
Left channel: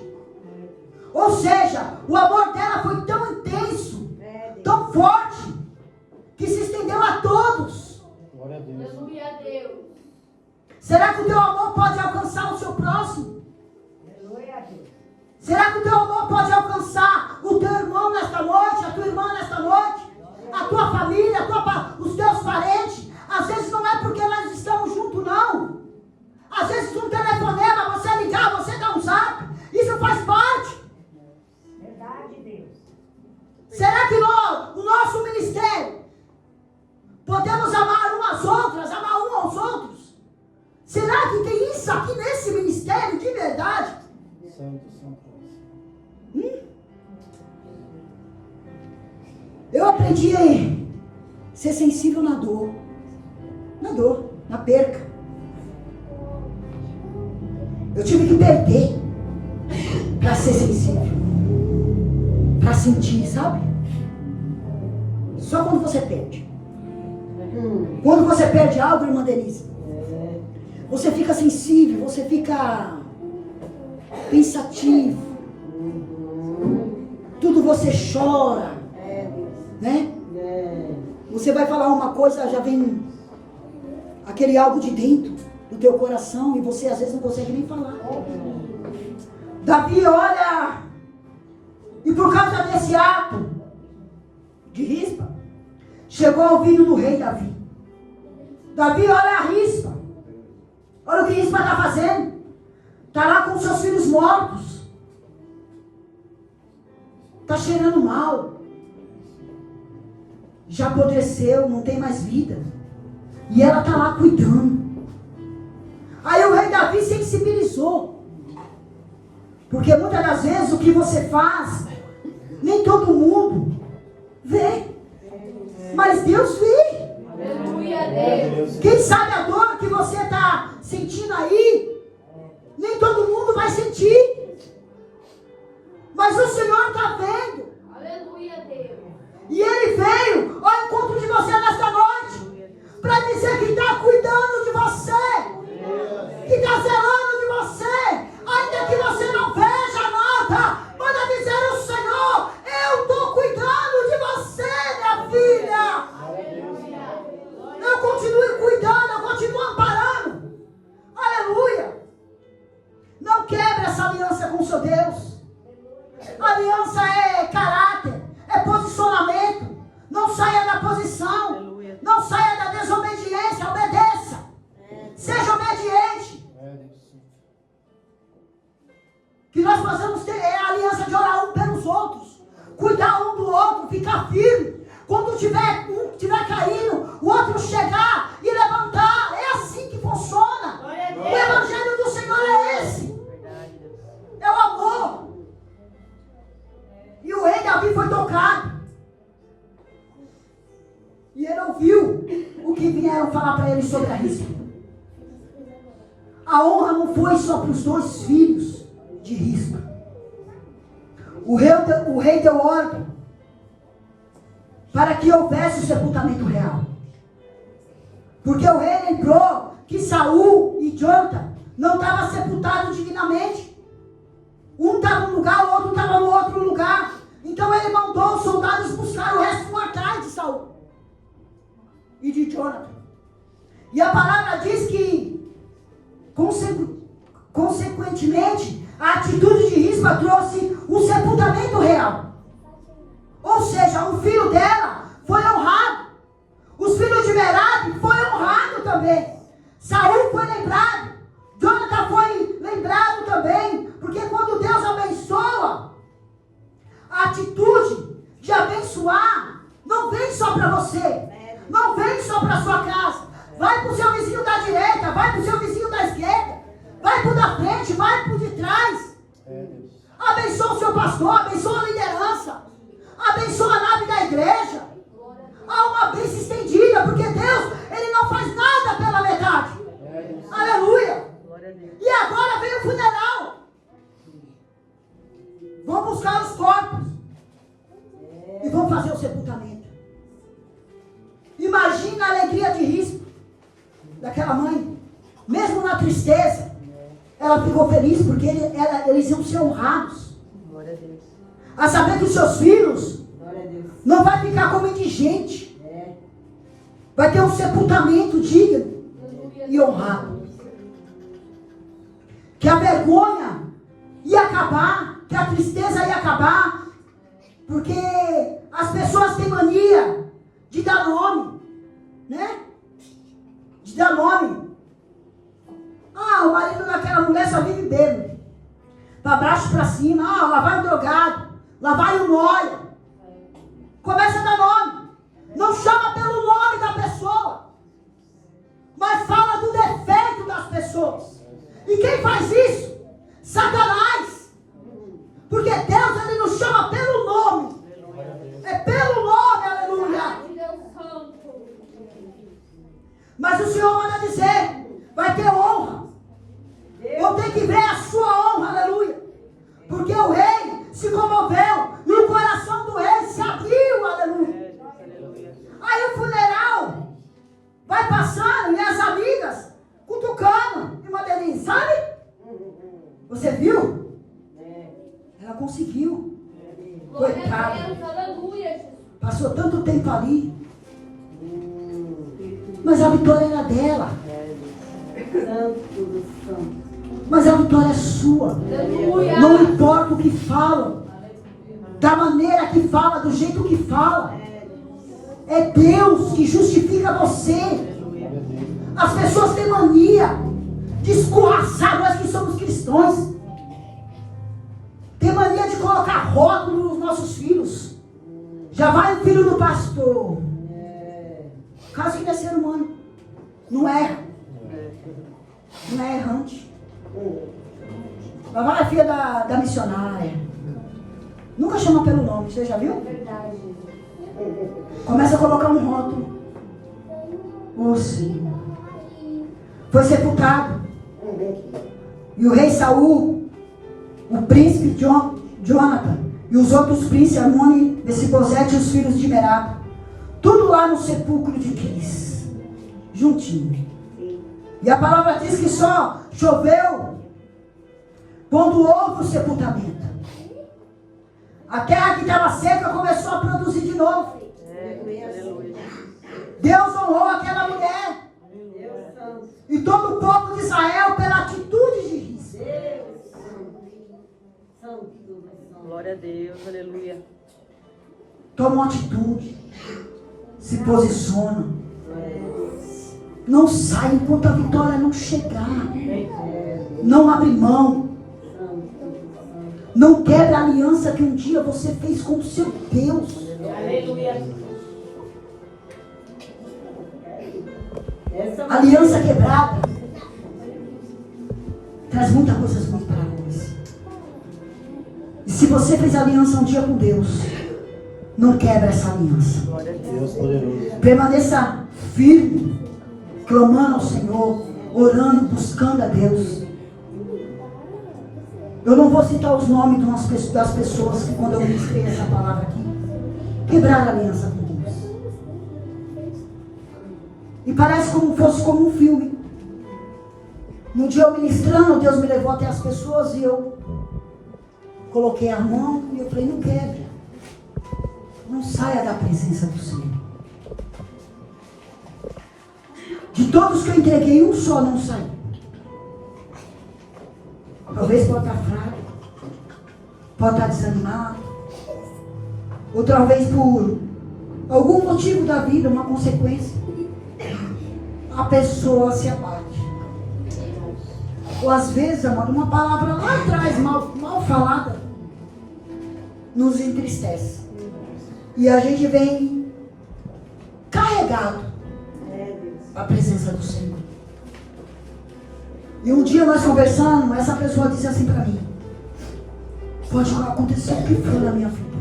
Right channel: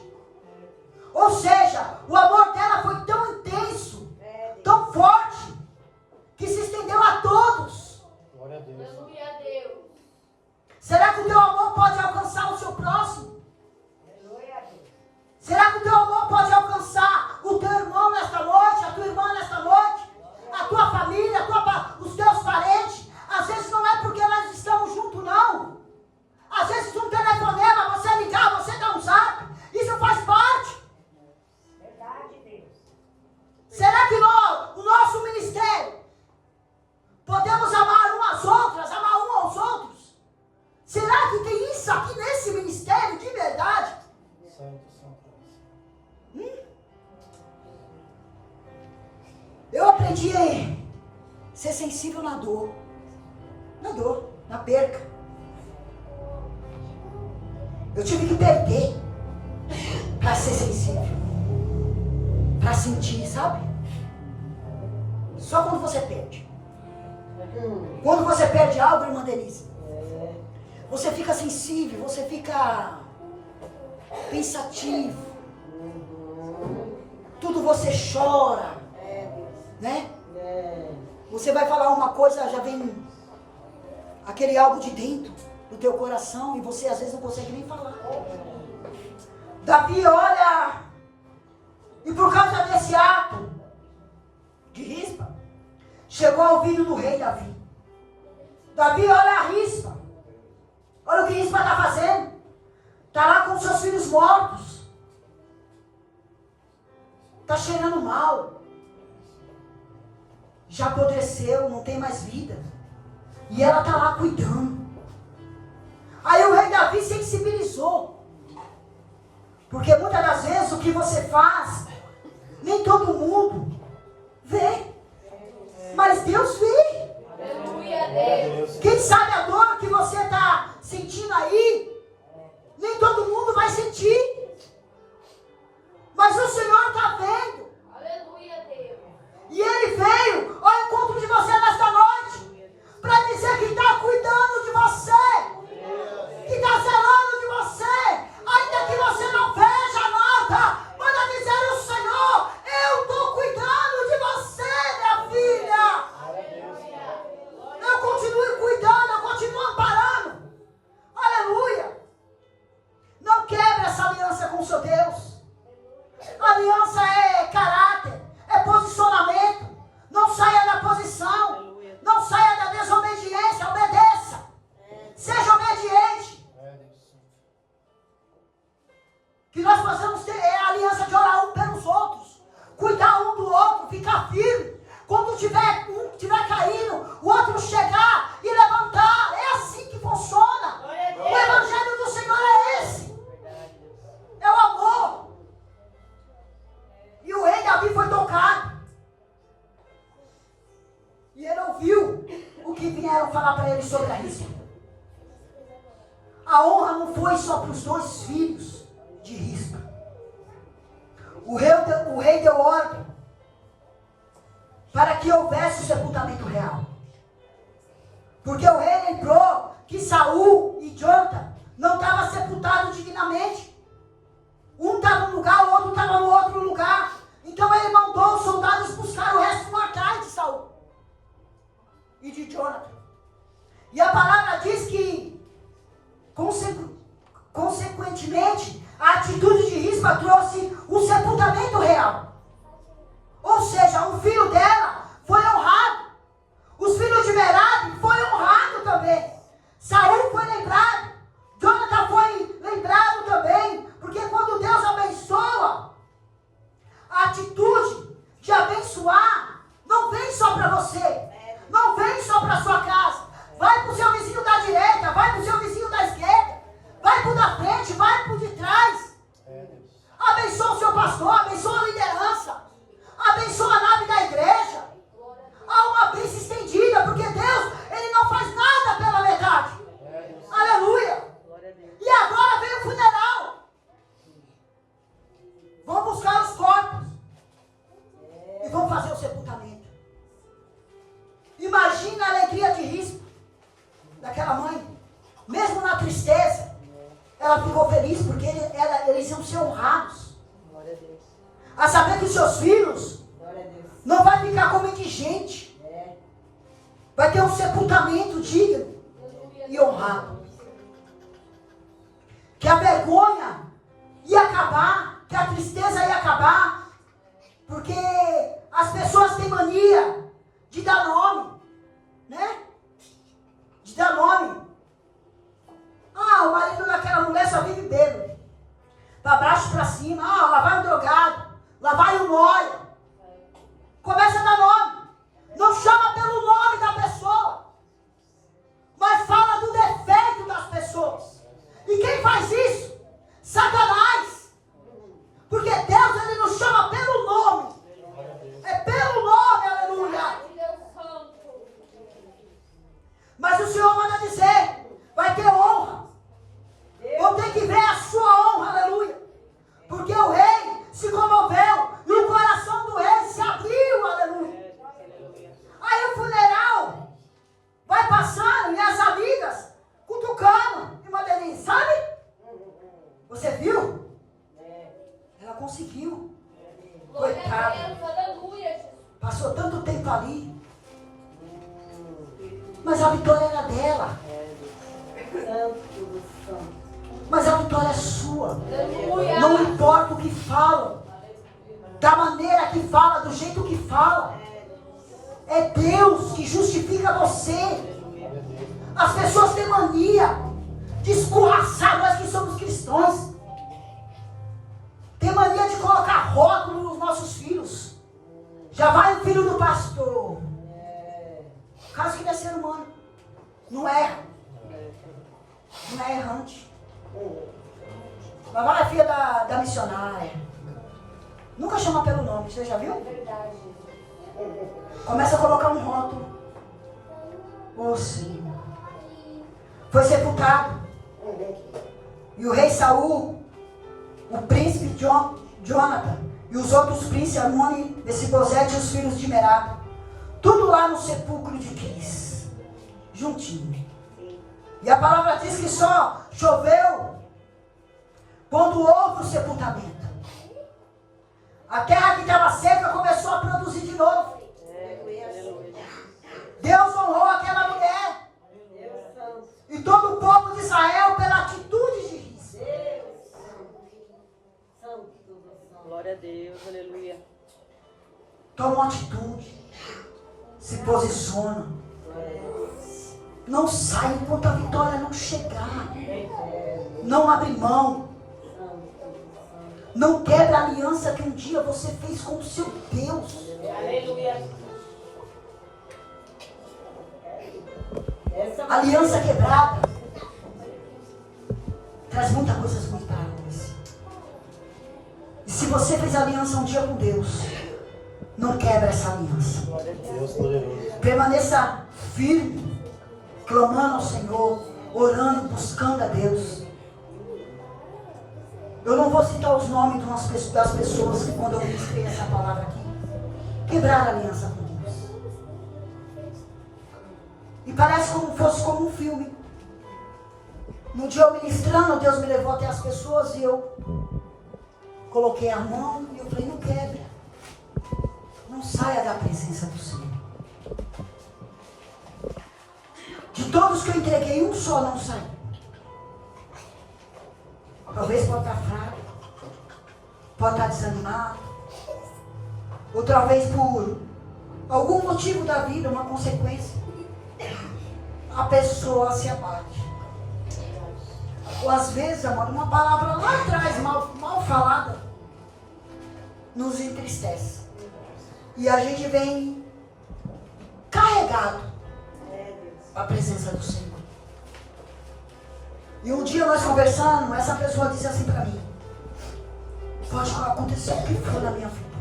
Ou seja, o amor dela foi tão intenso, tão forte, que se estendeu a todos. Glória a Deus. Aleluia a Deus. Será que o teu amor pode alcançar o seu próximo? Será que o teu amor pode alcançar o teu irmão nesta noite, a tua irmã nesta noite, a tua família, os teus parentes? Às vezes não é porque nós estamos juntos, não. Às vezes um telefonema, você ligar, você dar um zap, isso faz parte. Verdade, Deus. Será que o nosso ministério podemos amar umas outras, amar um aos outros? Será que tem isso aqui nesse ministério de verdade? Santo. Eu aprendi a ser sensível na dor, na perca. Eu tive que perder para ser sensível, para sentir, sabe? Só quando você perde. Quando você perde algo, irmã Denise, você fica sensível, você fica pensativo, tudo você chora, né? Você vai falar uma coisa, já vem aquele algo de dentro do teu coração e você às vezes não consegue nem falar. Davi olha, e por causa desse ato de Rispa, chegou ao ouvido do rei Davi. Davi olha a Rispa, olha o que Rispa está fazendo. Está lá com seus filhos mortos, está cheirando mal, já apodreceu, não tem mais vida, e ela está lá cuidando. Aí o rei Davi sensibilizou, porque muitas das vezes o que você faz, nem todo mundo vê, mas Deus vê. Aleluia a Deus. Quem sabe a dor que você está sentindo aí, nem todo mundo vai sentir, mas o Senhor está vendo. Aleluia a Deus. E Ele veio ao encontro de você nesta noite, para dizer que está cuidando de você, que está zelando de você, ainda que você não veja nada, manda dizer: o cuidar um do outro, ficar firme. Quando um tiver caindo, o outro chegar e levantar. É assim que funciona. O evangelho do Senhor é esse. É o amor. E o rei Davi foi tocado. E ele ouviu o que vieram falar para ele sobre a Rispa. A honra não foi só para os 2 filhos de Rispa. O rei deu ordem para que houvesse o sepultamento real. Porque o rei lembrou que Saul e Jonathan não estavam sepultados divinamente. Um estava num lugar, o outro estava no outro lugar. Então ele mandou os soldados buscar o resto mortais de Saul e de Jonathan. E a palavra diz que, consequentemente, a atitude de Rispa trouxe um sepultamento real. Ou seja, um filho dela foi honrado. Os filhos de Merab foram honrados também. Saul foi lembrado. Jonathan foi lembrado também. Porque quando Deus abençoa, a atitude de abençoar não vem só para você. Não vem só para a sua casa. Vai para o seu vizinho da direita, vai para o seu vizinho da esquerda, vai para o da frente, vai para o de trás. Abençoa o seu pastor, abençoa a liderança, abençoa a nave da igreja. Há uma bênção estendida, porque Deus, Ele não faz nada pela metade. Aleluia. E agora vem o funeral. Vão buscar os corpos e vão fazer o sepultamento. Imagina a alegria de Rispa, daquela mãe. Mesmo na tristeza, ela ficou feliz porque eles iam ser honrados. A saber que os seus filhos não vai ficar como indigente. Vai ter um sepultamento digno e honrado. Que a vergonha ia acabar, que a tristeza ia acabar, porque as pessoas têm mania de dar nome, né? De dar nome. Ah, o marido daquela mulher só vive bêbado. Para baixo, para cima. Ah, lá vai o drogado. Lá vai o nóia. Começa a dar nome. Não chama pelo nome da pessoa, mas fala do defeito das pessoas. E quem faz isso? Satanás. Porque Deus, Ele nos chama pelo nome. É pelo nome, aleluia. Mas o Senhor manda dizer, vai ter honra. Vão ter que ver a sua honra, aleluia. Porque o rei se comoveu e o coração do rei se abriu, aleluia. Aí o funeral vai passando e as amigas cutucando. Irmã Denise, sabe? Você viu? Ela conseguiu. Coitada. Passou tanto tempo ali. Mas a vitória era dela. Mas a vitória é sua. Não importa o que falam, da maneira que fala, do jeito que fala. É Deus que justifica você. As pessoas têm mania de escorraçar nós que somos cristãos. Tem mania de colocar rótulo nos nossos filhos. Já vai o filho do pastor. Caso que não é ser humano. Não erra. Não é errante. Lá vai a filha da missionária. Nunca chama pelo nome, você já viu? Começa a colocar um rótulo. Oh, Senhor. Foi sepultado. E o rei Saul, o príncipe Jonathan e os outros príncipes, Amoni, Mefibosete e os filhos de Merab, tudo lá no sepulcro de Quis, juntinho. E a palavra diz que só choveu quando houve o sepultamento. A terra que estava seca começou a produzir de novo. Deus honrou aquela mulher e todo o povo de Israel pela atitude de Rispa. Glória a Deus, aleluia. Toma uma atitude, se posiciona. Não sai enquanto a vitória não chegar. Não abre mão. Não quebra a aliança que um dia você fez com o seu Deus. Aleluia. Aliança quebrada traz muitas coisas ruins para nós. E se você fez aliança um dia com Deus, não quebra essa aliança. Deus poderoso. Permaneça firme, clamando ao Senhor, orando, buscando a Deus. Eu não vou citar os nomes das pessoas que, quando eu ministrei essa palavra aqui, quebraram a aliança com Deus. E parece como fosse como um filme. No dia eu ministrando, Deus me levou até as pessoas e eu coloquei a mão e eu falei, não quebre. Não saia da presença do Senhor. De todos que eu entreguei, um só não saiu. Talvez pode estar fraco, pode estar desanimado, ou talvez por algum motivo da vida, uma consequência, a pessoa se abate. Ou às vezes, amor, uma palavra lá atrás, mal falada, nos entristece. E a gente vem carregado para a presença do Senhor. E um dia nós conversando, essa pessoa disse assim para mim, pode acontecer o que for na minha vida,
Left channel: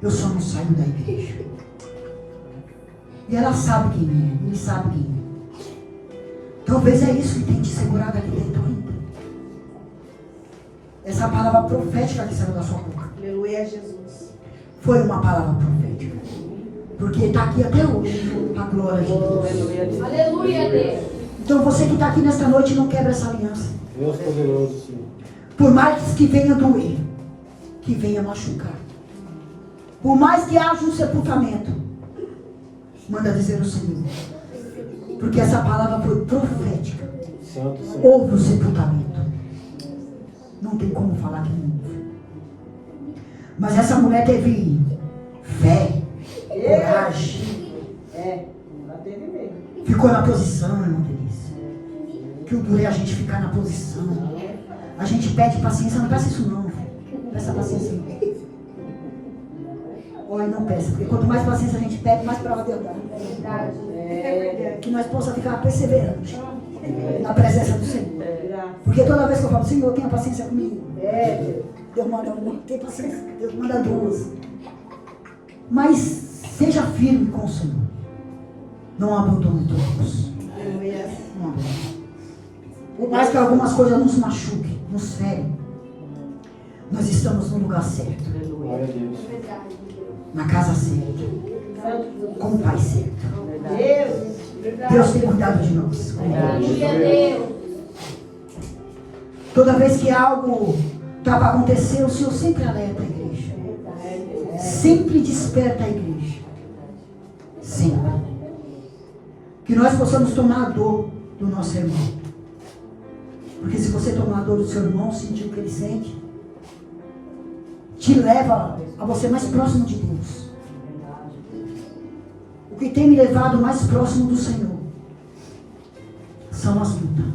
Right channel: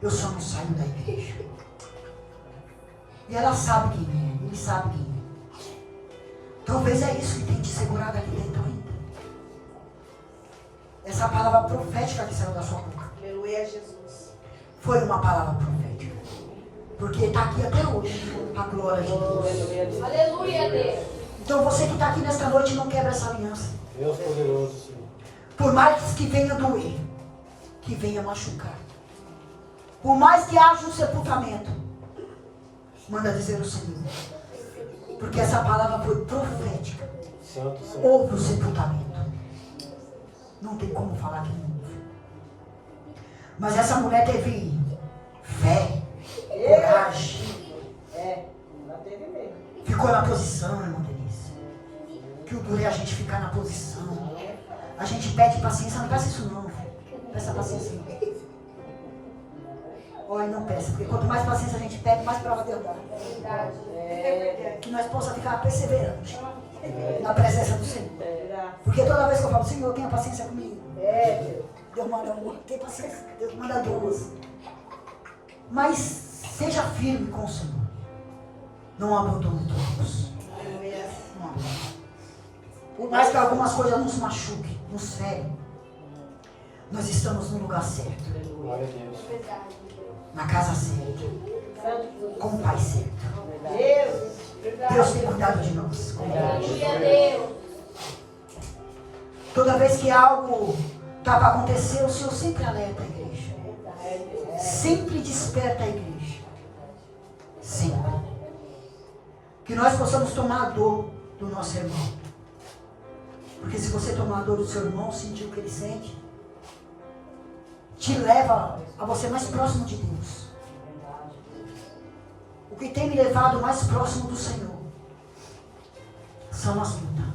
eu só não saio da igreja. E ela sabe quem é, ele sabe quem é. Talvez é isso que tem te segurado aqui dentro ainda. Essa palavra profética que saiu da sua boca. Aleluia, Jesus. Foi uma palavra profética. Porque está aqui até hoje, a glória de Deus. Aleluia, Deus. Então você que está aqui nesta noite, não quebra essa aliança. Deus poderoso, Senhor. Por mais que venha doer, que venha machucar, por mais que haja um sepultamento, manda dizer o Senhor. Porque essa palavra foi profética. Santo, Senhor. Houve o sepultamento. Não tem como falar que não houve. Mas essa mulher teve fé, coragem. Ficou na posição, irmão Denise. Que o duro é a gente ficar na posição. A gente pede paciência, não peça isso não. Peça paciência não. Olha, não peça, porque quanto mais paciência a gente pede, mais prova Deus dá. Que nós possamos ficar perseverantes na presença do Senhor. Porque toda vez que eu falo, Senhor, tenha paciência comigo. Deus manda uma, tem paciência, Deus manda duas. Mas seja firme com o Senhor. Não abandone todos. Não abandone. Por mais que algumas coisas nos machuquem, nos ferem, nós estamos no lugar certo, Glória a Deus. na casa certa, com o Pai certo. Deus tem cuidado de nós. Aleluia, Deus. Toda vez que algo está para acontecer, o Senhor sempre alerta a igreja. Sempre desperta a igreja. Sempre. Que nós possamos tomar a dor do nosso irmão. Porque se você tomar a dor do seu irmão, sentir o que ele sente, te leva a você mais próximo de Deus. O que tem me levado mais próximo do Senhor são as lutas.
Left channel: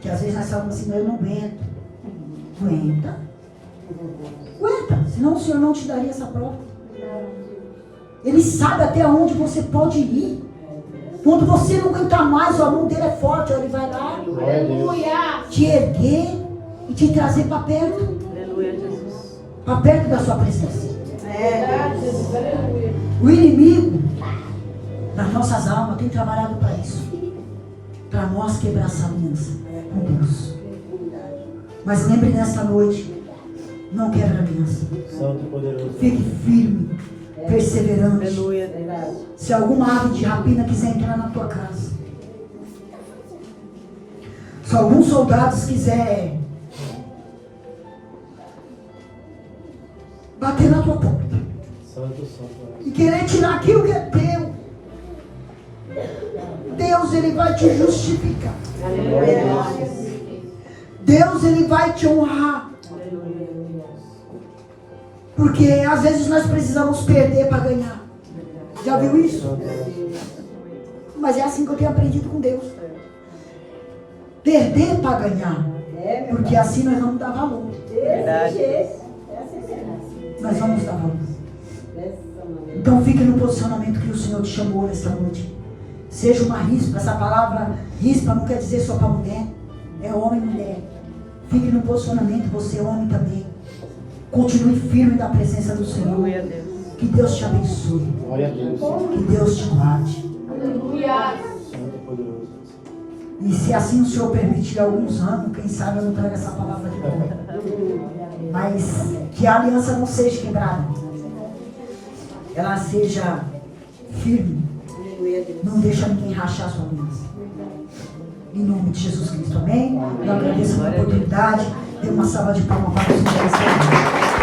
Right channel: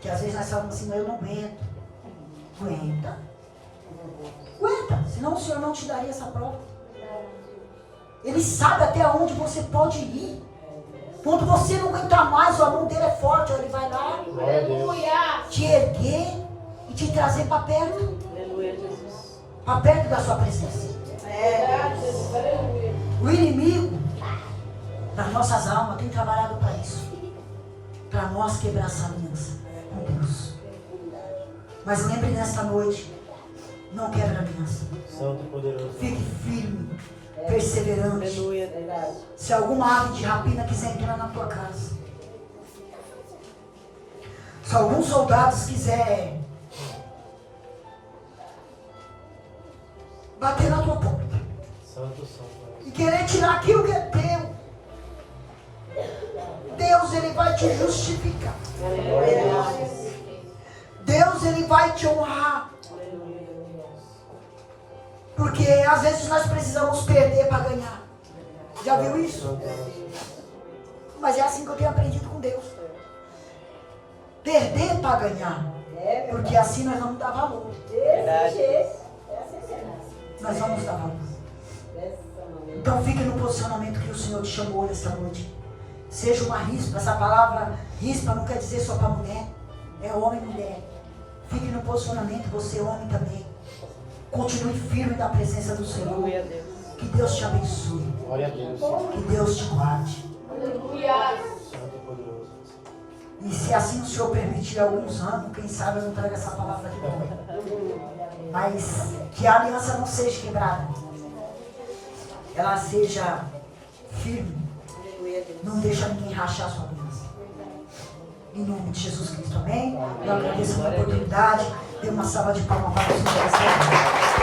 Que às vezes nós falamos assim, mas eu não aguento. Aguenta. Aguenta, senão o Senhor não te daria essa prova. Ele sabe até onde você pode ir. Quando você não aguentar mais, a mão dele é forte, ele vai lá Aleluia. te erguer e te trazer para perto. Aleluia, Jesus. Para perto da sua presença. O inimigo das nossas almas tem trabalhado para isso. Para nós quebrar essa aliança com Deus. Mas lembre nesta noite, não quebra a aliança. Santo e poderoso. Fique firme, perseverante. Aleluia, Deus. Se alguma ave de rapina quiser entrar na tua casa, se alguns soldados quiserem bater na tua porta e querer tirar aquilo que é teu, Deus ele vai te justificar. Aleluia. Deus ele vai te honrar. Porque às vezes nós precisamos perder para ganhar. Já viu isso? Mas é assim que eu tenho aprendido com Deus. Perder para ganhar. Porque assim nós vamos dar valor. Verdade. Nós vamos dar valor. Então fique no posicionamento que o Senhor te chamou nesta noite. Seja uma rispa. Essa palavra rispa não quer dizer só para mulher. É homem e mulher. Fique no posicionamento, você é homem também. Continue firme na presença do Senhor. Glória a Deus. Que Deus te abençoe. Glória a Deus, Senhor. Que Deus te guarde. Aleluia. Santo e poderoso. E se assim o Senhor permitir alguns anos, quem sabe eu não trago essa palavra de volta. Mas que a aliança não seja quebrada. Ela seja firme. Não deixa ninguém rachar a sua aliança. Em nome de Jesus Cristo, amém? Eu agradeço pela oportunidade. Dê uma salva de palmas para o Senhor.